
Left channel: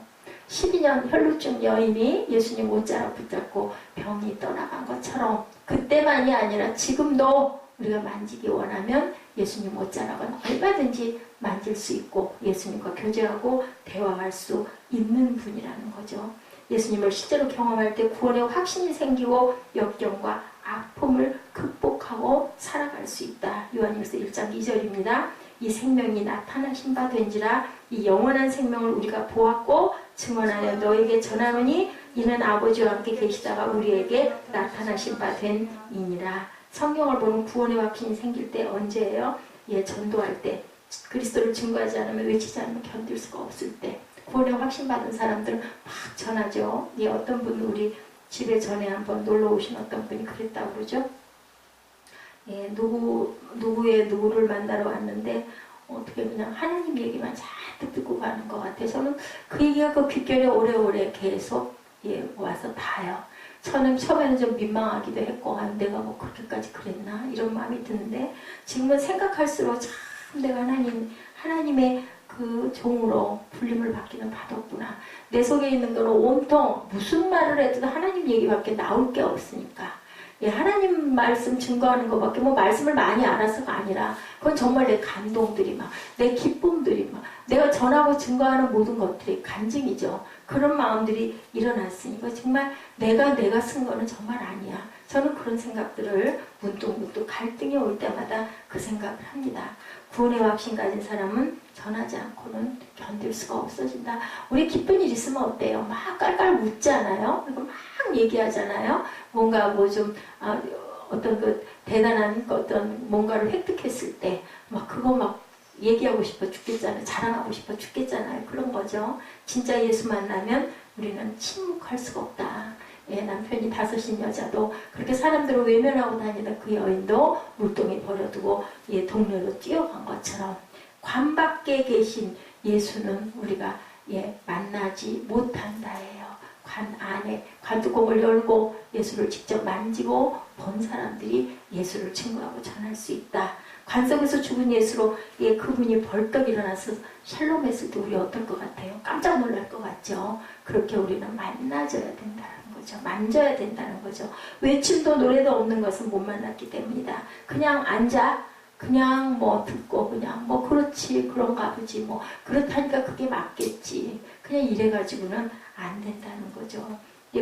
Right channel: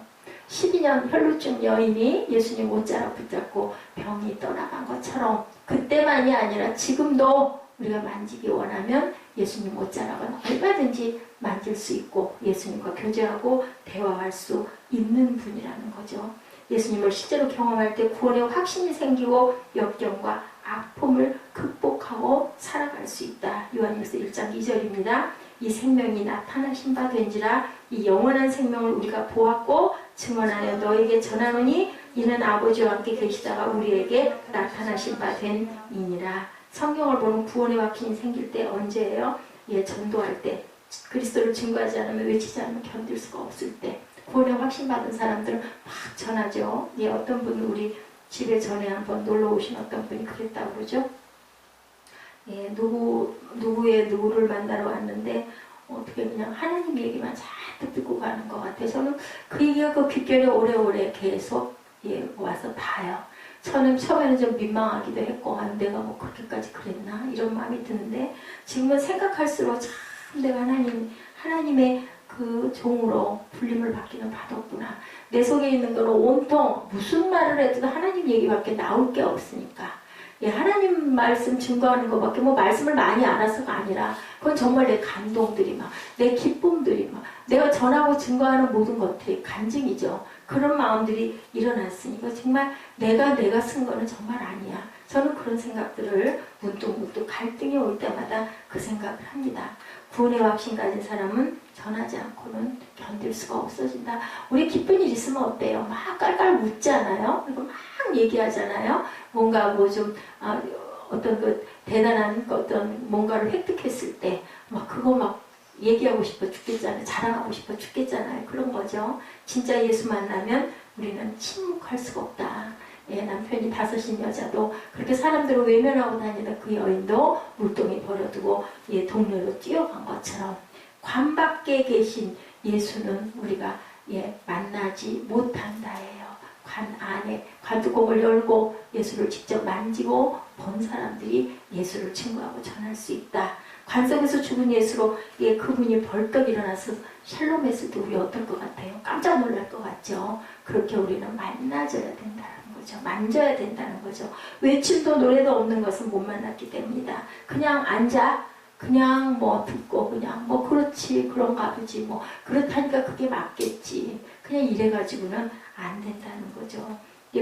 12년 혈루증 여인이 예수님 옷자락 붙잡고 병이 떠나간 것처럼 그때만이 아니라 지금도 우리가 만지기 원하면 예수님 옷자락은 얼마든지 만질 수 있고 예수님과 교제하고 대화할 수 있는 분이라는 거죠. 예수님을 실제로 경험할 때 구원의 확신이 생기고 역경과 아픔을 극복하고 살아갈 수 있다. 요한일서 1장 2절입니다. 이 생명이 나타나신 바 된지라 이 영원한 생명을 우리가 보았고 증언하여 너에게 전하노니 이는 아버지와 함께 계시다가 우리에게 나타나신 바 된 이니라. 성경을 보는 구원의 확신이 생길 때 언제예요? 전도할 때 그리스도를 증거하지 않으면 외치지 않으면 견딜 수가 없을 때 구원의 확신 받은 사람들은 막 전하죠. 어떤 분은 우리 집에 전에 한번 놀러 오신 어떤 분이 그랬다고 그러죠. 누구를 만나러 왔는데 어떻게 그냥 하나님 얘기만 잔뜩 듣고 가는 것 같아요. 저는 그 얘기가 그 귓결에 오래오래 계속 와서 닿아요. 저는 처음에는 좀 민망하기도 했고 내가 뭐 그렇게까지 그랬나 이런 마음이 드는데 지금은 생각할수록 참 내가 하나님의 그 종으로 불림을 받기는 받았구나. 내 속에 있는 거는 온통 무슨 말을 해도 하나님 얘기밖에 나올 게 없으니까 하나님 말씀 증거하는 것밖에 말씀을 많이 알아서가 아니라 그건 정말 내 감동들이 내 기쁨들이 내가 전하고 증거하는 모든 것들이 간증이죠. 그런 마음들이 일어났으니까 정말 내가 쓴 거는 정말 아니야. 저는 그런 생각들을 문득문득 갈등이 올 때마다 그 생각을 합니다. 구원의 확신 가진 사람은 전하지 않고는 견딜 수가 없어진다. 우리 기쁜 일 있으면 어때요? 막 깔깔 웃잖아요. 그리고 막 얘기하잖아요. 뭔가 어떤 그 대단한 어떤 뭔가를 획득했을 때 그거 얘기하고 싶어 죽겠잖아요. 자랑하고 싶어 죽겠잖아요. 그런 거죠. 진짜 예수 만나면 우리는 침묵할 수가 없다. 남편이 5인 여자도 그렇게 사람들을 외면하고 다니던 그 여인도 물동에 버려두고 동네로 뛰어간 것처럼 관 밖에 계신 예수는 우리가 만나지 못한다예요. 관 안에 관뚜껑을 열고 예수를 직접 만지고 본 사람들이 예수를 증거하고 전할 수 있다. 관 속에서 죽은 예수로 그분이 벌떡 일어나서 샬롬했을 때 우리 어떨 것 같아요? 깜짝 놀랄 것 같죠? 그렇게 우리는 만나져야 된다는 거죠. 만져야 된다는 거죠. 외침도 노래도 없는 것은 못 만났기 때문이다. 그냥 앉아 그냥 듣고 그냥 그렇지 그런가 보지 그렇다니까 그게 맞겠지 그냥 이래가지고는 안 된다는 거죠.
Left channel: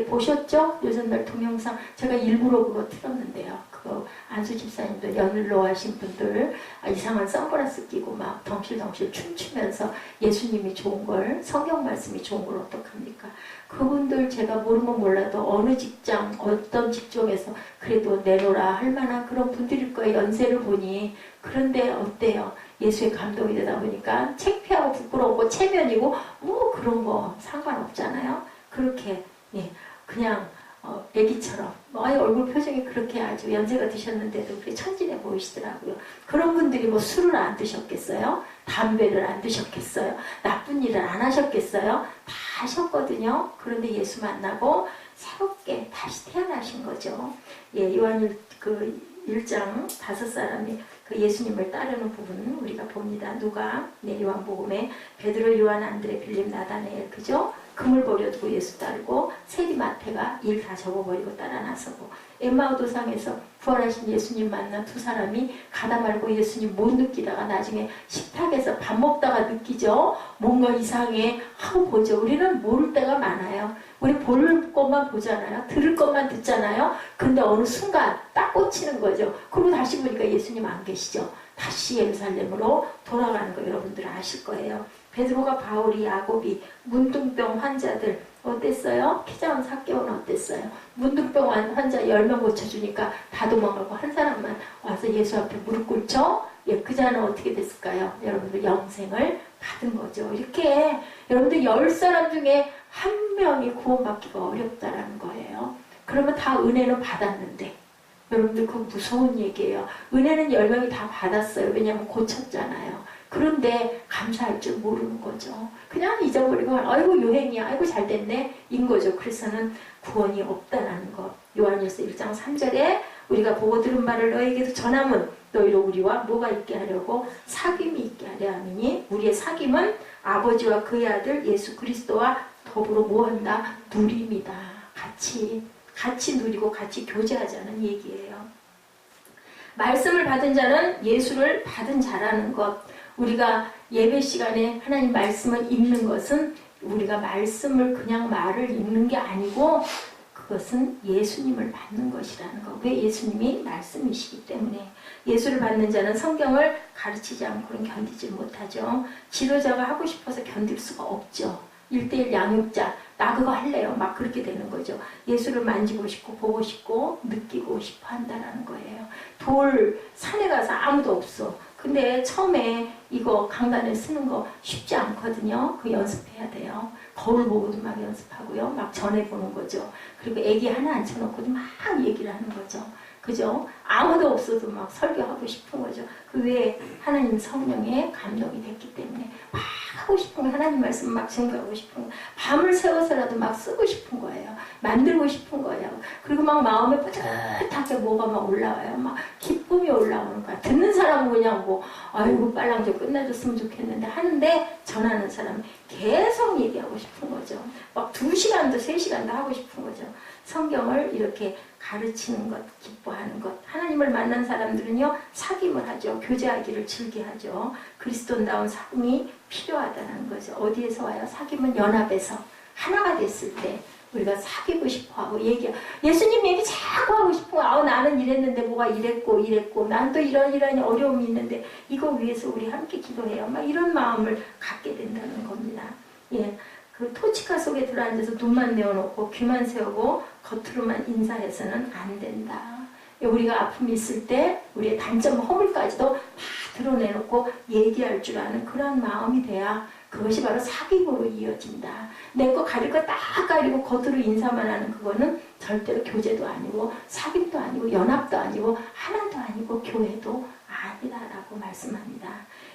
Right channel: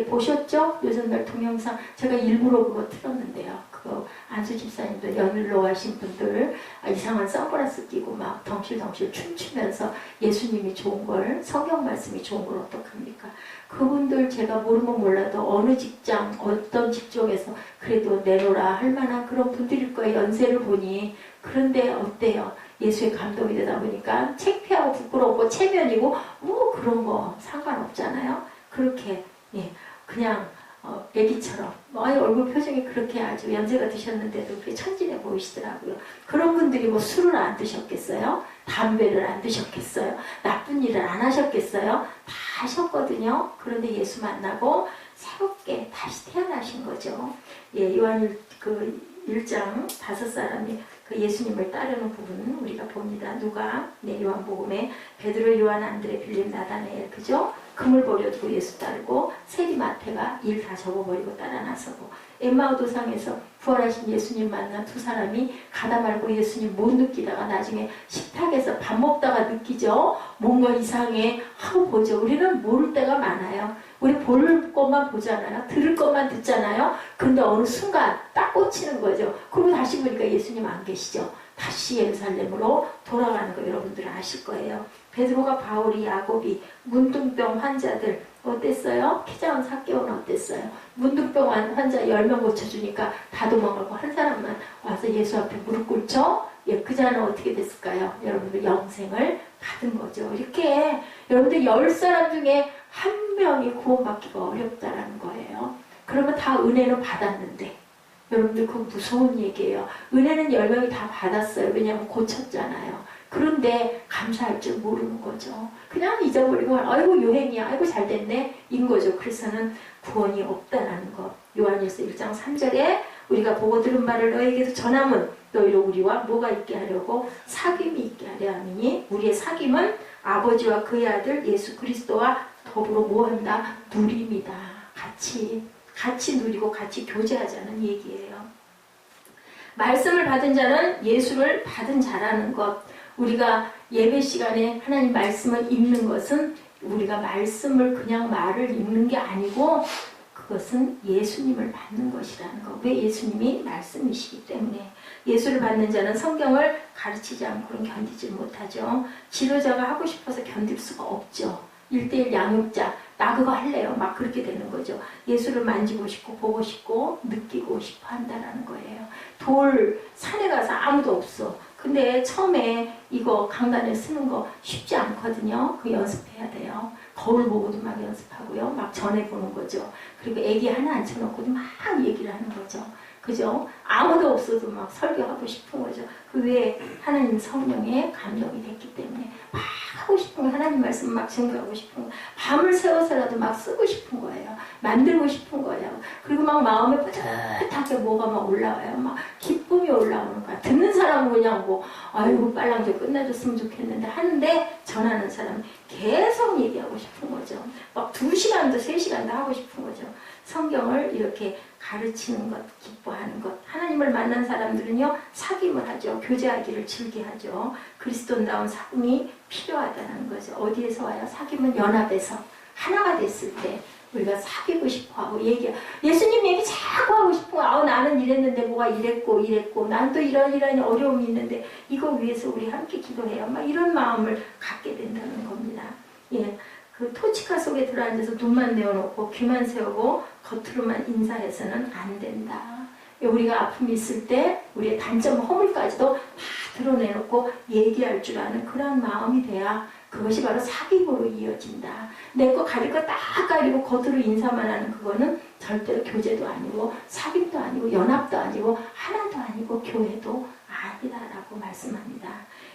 보셨죠? 요즘날 동영상 제가 일부러 그거 틀었는데요. 그거 안수 집사님도 연일로 하신 분들 이상한 선글라스 끼고 덩실덩실 춤추면서 예수님이 좋은 걸 성경 말씀이 좋은 걸 어떡합니까? 그분들 제가 모르면 몰라도 어느 직장 어떤 직종에서 그래도 내놓으라 할 만한 그런 분들일 거예요. 연세를 보니. 그런데 어때요? 예수의 감동이 되다 보니까 창피하고 부끄럽고 체면이고 그런 거 상관없잖아요. 그렇게 그냥 애기처럼 얼굴 표정이 그렇게 아주 연세가 드셨는데도 그렇게 천진해 보이시더라고요. 그런 분들이 술을 안 드셨겠어요? 담배를 안 드셨겠어요? 나쁜 일을 안 하셨겠어요? 다 하셨거든요. 그런데 예수 만나고 새롭게 다시 태어나신 거죠. 요한 1장 5사람이 그 예수님을 따르는 부분 우리가 봅니다. 누가 요한복음에 베드로, 요한, 안드레, 빌립, 나다나엘 그죠? 금을 버려두고 예수 따르고 세리 마태가 일 다 접어버리고 따라 나서고 엠마오 도상에서 부활하신 예수님 만난 2사람이 가다 말고 예수님 못 느끼다가 나중에 식탁에서 밥 먹다가 느끼죠. 뭔가 이상해 하고 보죠. 우리는 모를 때가 많아요. 우리 볼 것만 보잖아요. 들을 것만 듣잖아요. 근데 어느 순간 딱 꽂히는 거죠. 그리고 다시 보니까 예수님 안 계시죠. 다시 예루살렘으로 돌아가는 거 여러분들 아실 거예요. 베드로가, 바울이, 야곱이, 문둥병 환자들 어땠어요? 키 작은 삭개오는 어땠어요? 문둥병 환자 10명 고쳐주니까 다 도망가고 한 사람만 와서 예수 앞에 무릎 꿇죠? 예, 그 자는 어떻게 됐을까요? 여러분들 영생을 받은 거죠. 이렇게 여러분들 10사람 중에 한 명이 구원받기가 어렵다라는 거예요. 그러면 다 은혜는 받았는데 여러분들 그거 무서운 얘기예요. 은혜는 10명이 다 받았어요. 왜냐하면 고쳤잖아요. 그런데 감사할 줄 모르는 거죠. 그냥 잊어버리고 아이고 유행이야. 아이고 잘됐네. 인 거죠. 그래서는 구원이 없다라는 것. 요한일서 1장 3절에 우리가 보고 들은 말을 너에게도 전함은 너희로 우리와 뭐가 있게 하려고 사귐이 있게 하려 함이니 우리의 사귐은 아버지와 그의 아들 예수 그리스도와 더불어 뭐한다? 누림이다. 같이 누리고 같이 교제하자는 얘기예요. 말씀을 받은 자는 예수를 받은 자라는 것. 우리가 예배 시간에 하나님 말씀을 읽는 것은 우리가 말씀을 그냥 말을 읽는 게 아니고 그것은 예수님을 받는 것이라는 거. 왜? 예수님이 말씀이시기 때문에. 예수를 받는 자는 성경을 가르치지 않고는 견디지 못하죠. 지도자가 하고 싶어서 견딜 수가 없죠. 1:1 양육자, 나 그거 할래요. 막 그렇게 되는 거죠. 예수를 만지고 싶고 보고 싶고 느끼고 싶어 한다는 거예요. 산에 가서 아무도 없어. 근데 처음에 이거 강단에 쓰는 거 쉽지 않거든요. 그거 연습해야 돼요. 거울 보고도 막 연습하고요. 막 전해보는 거죠. 그리고 애기 하나 앉혀놓고도 막 얘기를 하는 거죠. 그죠? 아무도 없어도 막 설교하고 싶은 거죠. 그 외에 하나님 성령의 감동이 됐기 때문에 막 하고 싶은 거, 하나님 말씀 막 증거하고 싶은 거, 밤을 새워서라도 막 쓰고 싶은 거예요. 만들고 싶은 거예요. 그리고 막 마음에 뿌듯하게 뭐가 막 올라와요. 막 기쁨이 올라오는 거야. 듣는 사람은 그냥 뭐 아이고 빨랑 좀 끝내줬으면 좋겠는데 하는데 전하는 사람은 계속 얘기하고 싶은 거죠. 막 2시간도 3시간도 하고 싶은 거죠. 성경을 이렇게 가르치는 것, 기뻐하는 것. 하나님을 만난 사람들은요, 사귐을 하죠. 교제하기를 즐겨하죠. 그리스도다운 사귐이 필요하다는 거죠. 어디에서 와요? 사귐은 연합에서 하나가 됐을 때 우리가 사귀고 싶어하고 예수님 얘기 자꾸 하고 싶은 거. 나는 이랬는데 뭐가 이랬고 난 또 이런 어려움이 있는데 이거 위해서 우리 함께 기도해요. 막 이런 마음을 갖게 된다는 겁니다. 예. 그 토치카 속에 들어앉아서 눈만 내어놓고 귀만 세우고 겉으로만 인사해서는 안 된다. 우리가 아픔이 있을 때 우리의 단점 허물까지도 다 드러내놓고 얘기할 줄 아는 그런 마음이 돼야 그것이 바로 사귐으로 이어진다. 내 거 가릴 거 딱 가리고 겉으로 인사만 하는 그거는 절대로 교제도 아니고 사귐도 아니고 연합도 아니고 하나도 아니고 교회도 아니다라고 말씀합니다.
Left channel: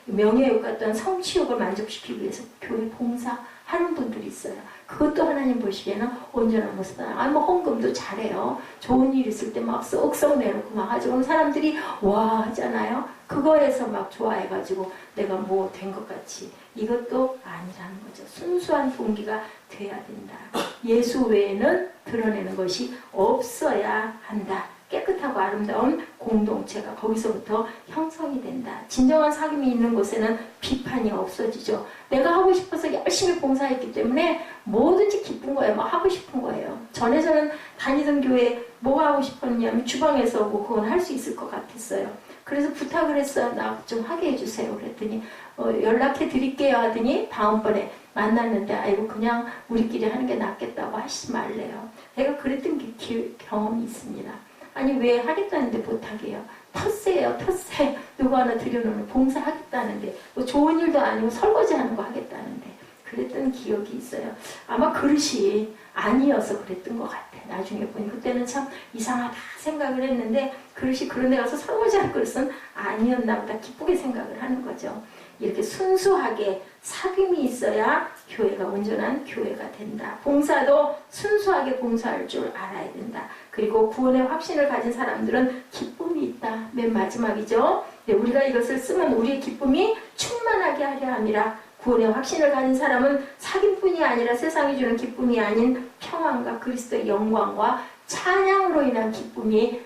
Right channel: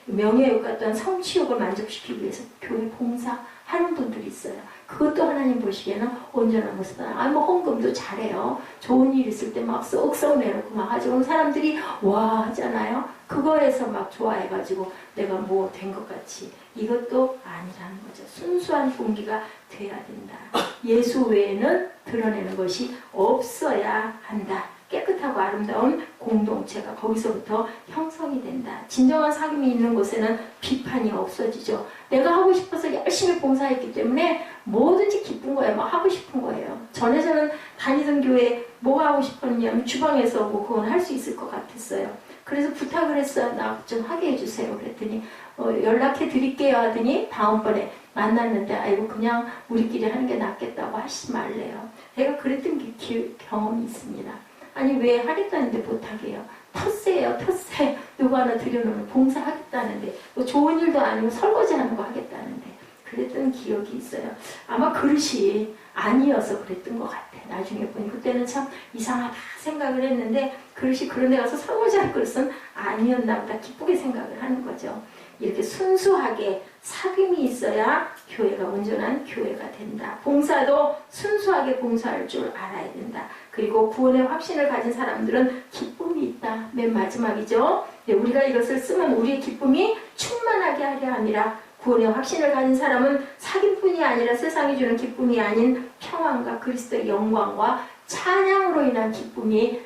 명예욕 같은 성취욕을 만족시키기 위해서 교회 봉사하는 분들이 있어요. 그것도 하나님 보시기에는 온전한 모습이다. 뭐 헌금도 잘해요. 좋은 일 있을 때 막 쏙쏙 내놓고 막 하죠. 사람들이 와 하잖아요. 그거에서 막 좋아해가지고 내가 뭐 된 것 같이. 이것도 아니라는 거죠. 순수한 동기가 돼야 된다. 예수 외에는 드러내는 것이 없어야 한다. 깨끗하고 아름다운 공동체가 거기서부터 형성이 된다. 진정한 사귐이 있는 곳에는 비판이 없어지죠. 내가 하고 싶어서 열심히 봉사했기 때문에 뭐든지 기쁜 거예요. 막 하고 싶은 거예요. 전에서는 다니던 교회에 뭐 하고 싶었냐면 주방에서 뭐 그건 할 수 있을 것 같았어요. 그래서 부탁을 했어요. 나 좀 하게 해주세요. 그랬더니 연락해 드릴게요 하더니 다음번에 만났는데 아이고 그냥 우리끼리 하는 게 낫겠다고 하시지 말래요. 제가 그랬던 경험이 있습니다. 아니 왜 하겠다는데 못하게요. 텃세예요. 텃세. 누구 하나 들여놓으면 봉사하겠다는데 뭐 좋은 일도 아니고 설거지하는 거 하겠다는데 그랬던 기억이 있어요. 아마 그릇이 아니어서 그랬던 것 같아. 나중에 보니 그때는 참 이상하다 생각을 했는데 그릇이 그런 데 가서 설거지할 그릇은 아니었나 보다 기쁘게 생각을 하는 거죠. 이렇게 순수하게 사귐이 있어야 교회가 온전한 교회가 된다. 봉사도 순수하게 봉사할 줄 알아야 된다. 그리고 구원의 확신을 가진 사람들은 기쁨이 있다. 맨 마지막이죠. 우리가 이것을 쓰면 우리의 기쁨이 충만하게 하려 함이라. 구원의 확신을 가진 사람은 사귐뿐이 아니라 세상이 주는 기쁨이 아닌 평안과 그리스도의 영광과 찬양으로 인한 기쁨이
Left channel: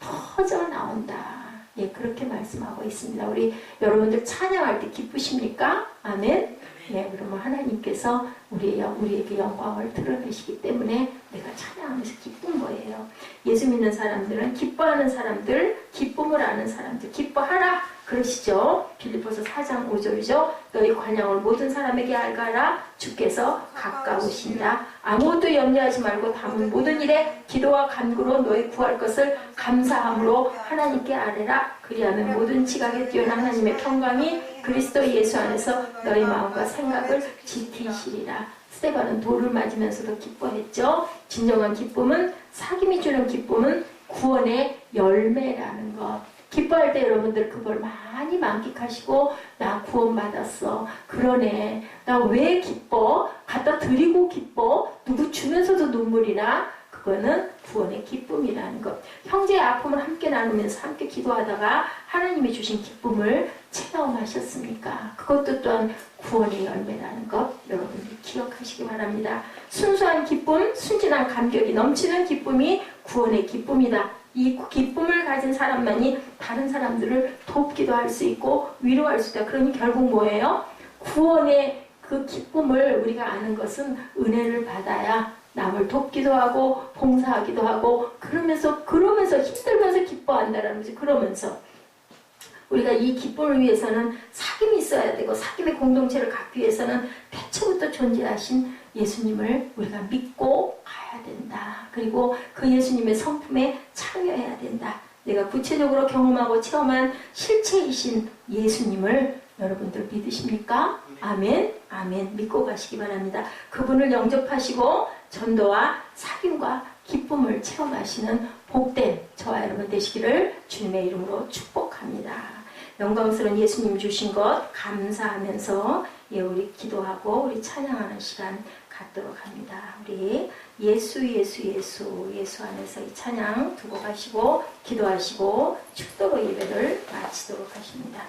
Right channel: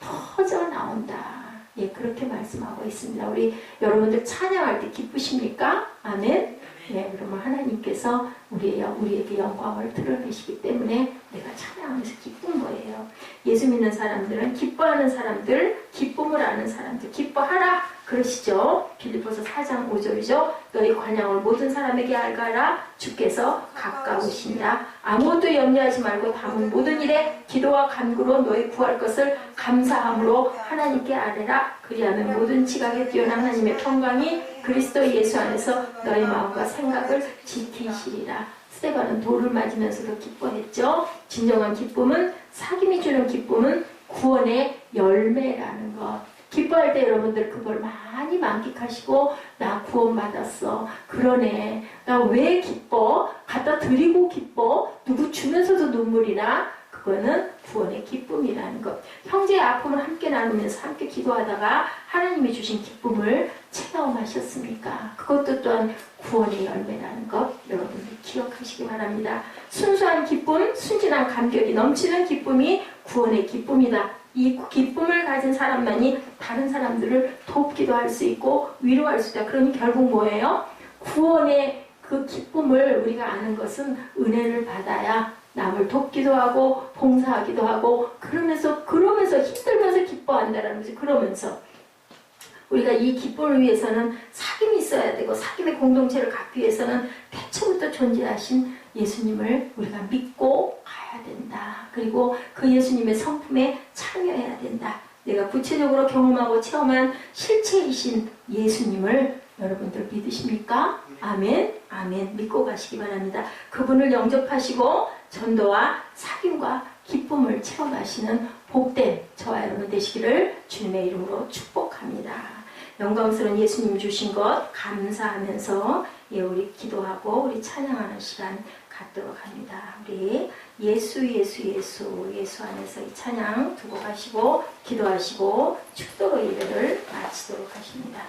터져 나온다. 그렇게 말씀하고 있습니다. 우리 여러분들 찬양할 때 기쁘십니까? 아멘. 예, 그러면 하나님께서 우리에게 영광을 드러내시기 때문에 내가 찬양하면서 기쁜 거예요. 예수 믿는 사람들은 기뻐하는 사람들, 기쁨을 아는 사람들, 기뻐하라 그러시죠. 빌립보서 4장 5절이죠. 너희 관양을 모든 사람에게 알가라. 주께서 가까우시니라. 아무것도 염려하지 말고 담은 모든 일에 기도와 간구로 너희 구할 것을 감사함으로 하나님께 아뢰라. 그리하면 모든 지각에 뛰어난 하나님의 평강이 그리스도 예수 안에서 너희 마음과 생각을 지키시리라. 스데반은 돌을 맞으면서도 기뻐했죠. 진정한 기쁨은, 사귐이 주는 기쁨은 구원의 열매라는 것. 기뻐할 때 여러분들 그걸 많이 만끽하시고, 나 구원받았어. 그러네. 나 왜 기뻐? 갖다 드리고 기뻐? 누구 주면서도 눈물이 나? 그거는 구원의 기쁨이라는 것. 형제의 아픔을 함께 나누면서 함께 기도하다가 하나님이 주신 기쁨을 체험하셨습니까? 그것도 또한 구원의 열매라는 것 여러분들 기억하시기 바랍니다. 순수한 기쁨, 순진한 감격이 넘치는 기쁨이 구원의 기쁨이다. 이 기쁨을 가진 사람만이 다른 사람들을 돕기도 할 수 있고 위로할 수 있다. 그러니 결국 뭐예요? 구원의 그 기쁨을 우리가 아는 것은 은혜를 받아야 남을 돕기도 하고 봉사하기도 하고 그러면서 힘들면서 기뻐한다라는 거지. 그러면서 우리가 이 기쁨을 위해서는 사귐이 있어야 되고 사귐의 공동체를 갖기 위해서는 태초부터 존재하신 예수님을 우리가 믿고 가야 된다. 그리고 그 예수님의 성품에 참여해야 된다. 내가 구체적으로 경험하고 체험한 실체이신 예수님을 여러분들 믿으십니까? 아멘, 아멘. 믿고 가시기 바랍니다. 그분을 영접하시고 전도와 사귐과 기쁨을 체험하시는 복된 저와 여러분 되시기를 주님의 이름으로 축복합니다. 영광스러운 예수님 주신 것 감사하면서 우리 기도하고 우리 찬양하는 시간 갖도록 합니다. 우리 예수 안에서 이 찬양 두고 가시고 기도하시고 축도로 예배를 마치도록 하십니다.